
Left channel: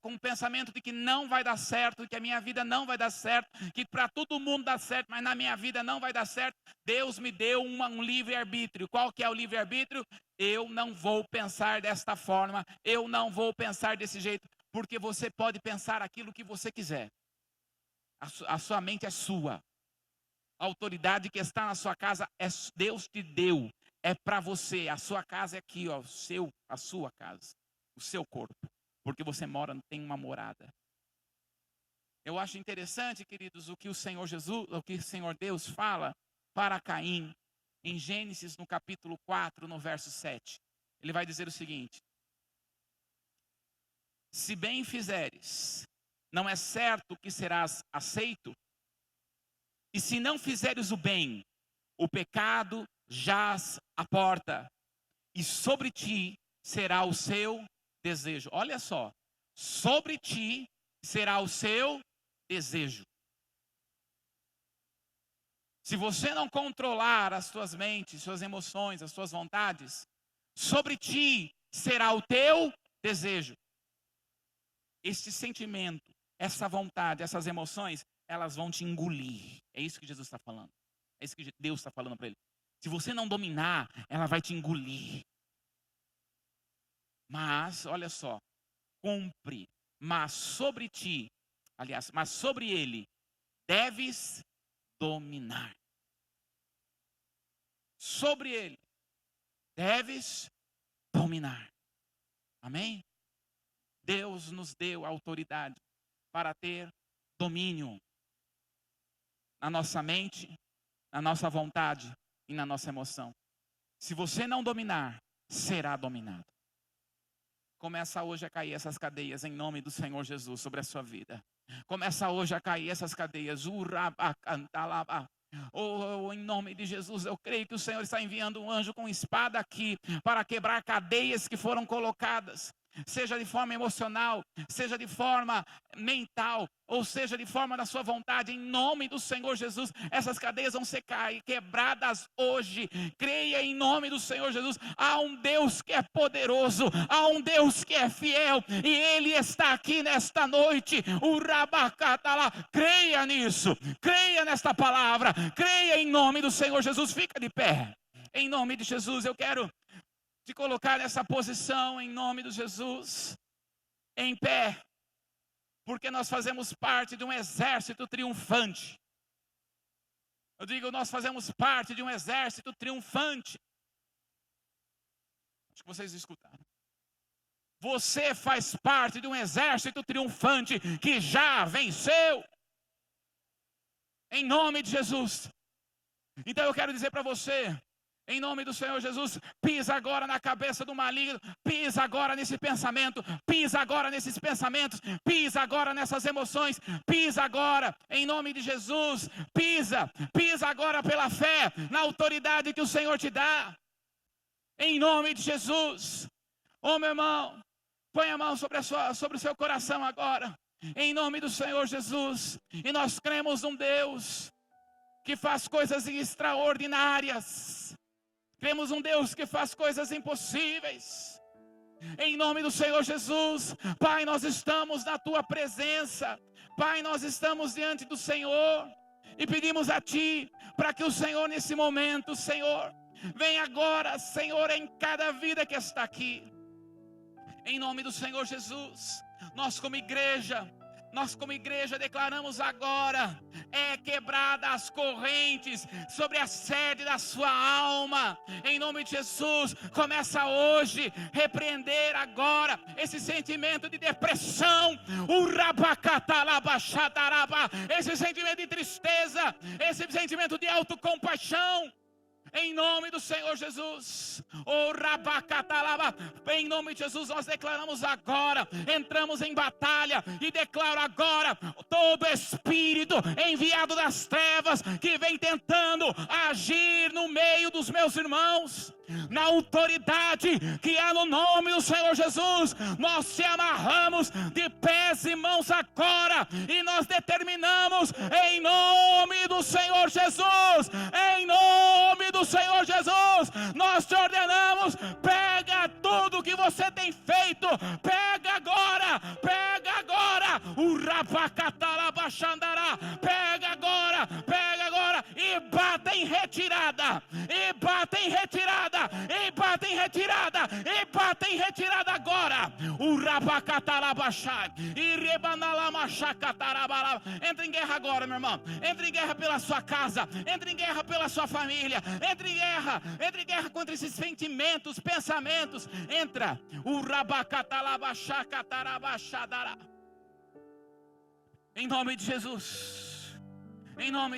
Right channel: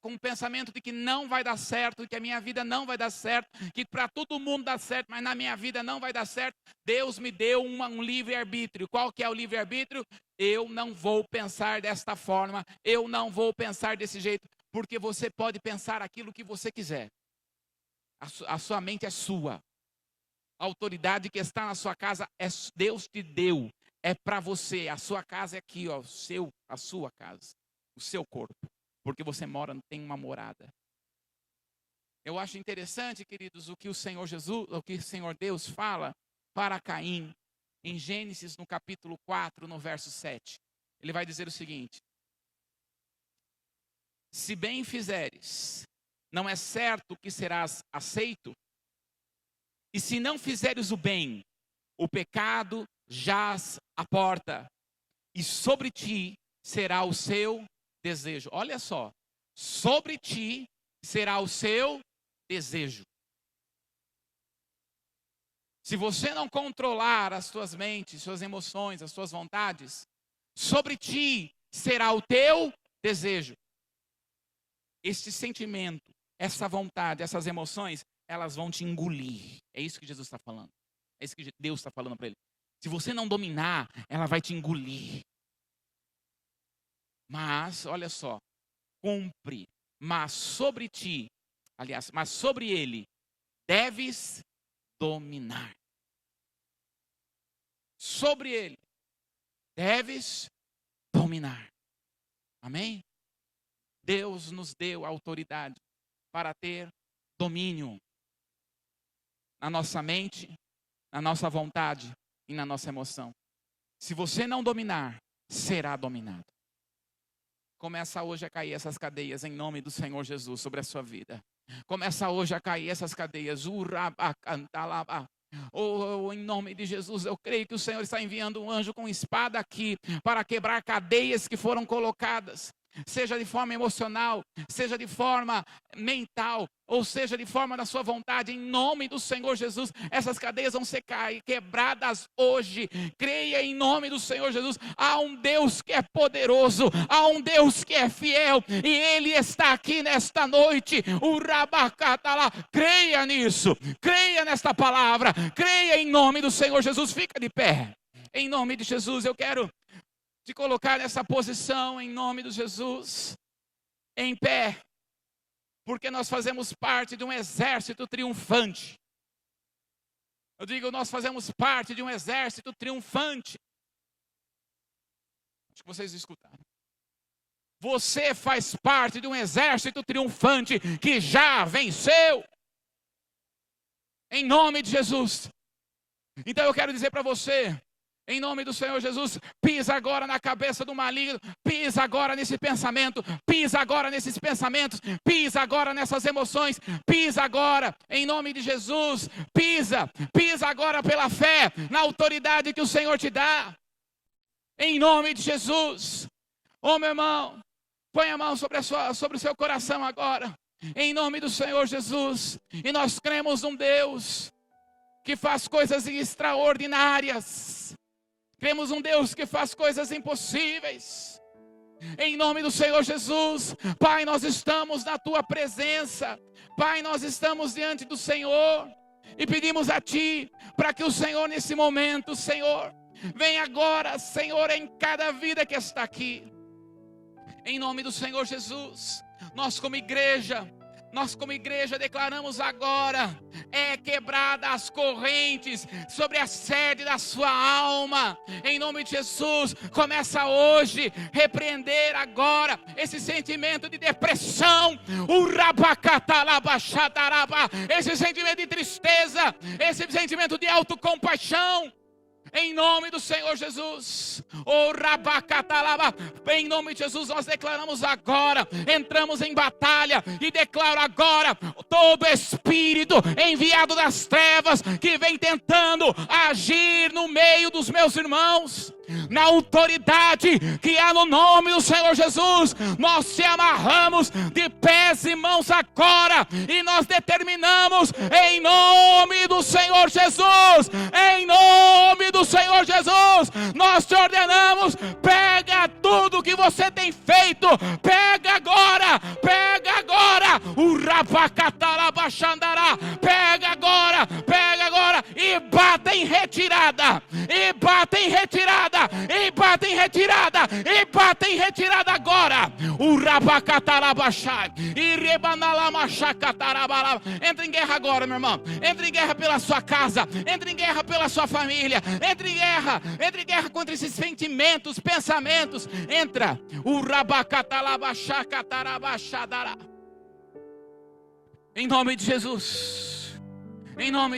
com o pensamento de que não vai dar certo, que a minha vida não vai dar certo, que para todo mundo dá certo, mas na minha vida não vai dar certo. Deus me deu um livre-arbítrio. Qual que é o livre-arbítrio? Eu não vou pensar desta forma, eu não vou pensar desse jeito, porque você pode pensar aquilo que você quiser. A sua mente é sua. A autoridade que está na sua casa, Deus te deu, é para você. A sua casa é aqui, ó, a sua casa. O seu corpo, porque você tem uma morada. Eu acho interessante, queridos, o que o Senhor Jesus, o que o Senhor Deus fala para Caim, em Gênesis, no capítulo 4, no verso 7. Ele vai dizer o seguinte: se bem fizeres, não é certo que serás aceito? E se não fizeres o bem, o pecado jaz à porta, e sobre ti será o seu desejo. Olha só, sobre ti será o seu desejo. Se você não controlar as suas mentes, suas emoções, as suas vontades, sobre ti será o teu desejo. Este sentimento, essa vontade, essas emoções, elas vão te engolir. É isso que Jesus está falando. É isso que Deus está falando para ele. Se você não dominar, ela vai te engolir. Mas, olha só, cumpre, mas sobre ti, aliás, mas sobre ele, deves dominar. Sobre ele, deves dominar. Amém? Deus nos deu autoridade para ter domínio na nossa mente, na nossa vontade e na nossa emoção. Se você não dominar, será dominado. Começa hoje a cair essas cadeias em nome do Senhor Jesus sobre a sua vida. Começa hoje a cair essas cadeias. Em nome de Jesus, eu creio que o Senhor está enviando um anjo com espada aqui para quebrar cadeias que foram colocadas. Seja de forma emocional, seja de forma mental, ou seja de forma da sua vontade, em nome do Senhor Jesus, essas cadeias vão ser quebradas hoje. Creia em nome do Senhor Jesus. Há um Deus que é poderoso, há um Deus que é fiel, e Ele está aqui nesta noite. O Rabacatala, creia nisso, creia nesta palavra, creia em nome do Senhor Jesus. Fica de pé, em nome de Jesus. Eu quero te colocar nessa posição em nome de Jesus, em pé, porque nós fazemos parte de um exército triunfante. Eu digo, nós fazemos parte de um exército triunfante. Acho que vocês escutaram. Você faz parte de um exército triunfante que já venceu. Em nome de Jesus. Então eu quero dizer para você, em nome do Senhor Jesus, pisa agora na cabeça do maligno, pisa agora nesse pensamento, pisa agora nesses pensamentos, pisa agora nessas emoções, pisa agora, em nome de Jesus, pisa agora pela fé, na autoridade que o Senhor te dá, em nome de Jesus. Oh, meu irmão, põe a mão sobre o seu coração agora, em nome do Senhor Jesus, e nós cremos num Deus que faz coisas extraordinárias. Cremos um Deus que faz coisas impossíveis. Em nome do Senhor Jesus, Pai, nós estamos na Tua presença. Pai, nós estamos diante do Senhor e pedimos a Ti para que o Senhor nesse momento, Senhor, venha agora, Senhor, em cada vida que está aqui. Em nome do Senhor Jesus, nós como igreja declaramos agora, quebrada as correntes sobre a sede da sua alma, em nome de Jesus. Começa hoje, repreender agora esse sentimento de depressão, esse sentimento de tristeza, esse sentimento de autocompaixão. Em nome do Senhor Jesus, em nome de Jesus, nós declaramos agora, entramos em batalha e declaro agora, todo espírito enviado das trevas que vem tentando agir no meio dos meus irmãos, na autoridade que há no nome do Senhor Jesus, nós se amarramos de pés e mãos agora, e nós determinamos em nome do Senhor Jesus, em nome do Senhor Jesus, nós te ordenamos, pega tudo que você tem feito, pega agora, pega agora, e bata em retirada, agora, entra em guerra agora, meu irmão, entra em guerra pela sua casa, entra em guerra pela sua família, entre em guerra contra esses sentimentos, pensamentos, entra, em nome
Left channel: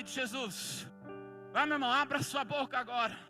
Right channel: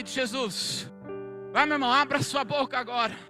de Jesus, vai, meu irmão, abra sua boca agora.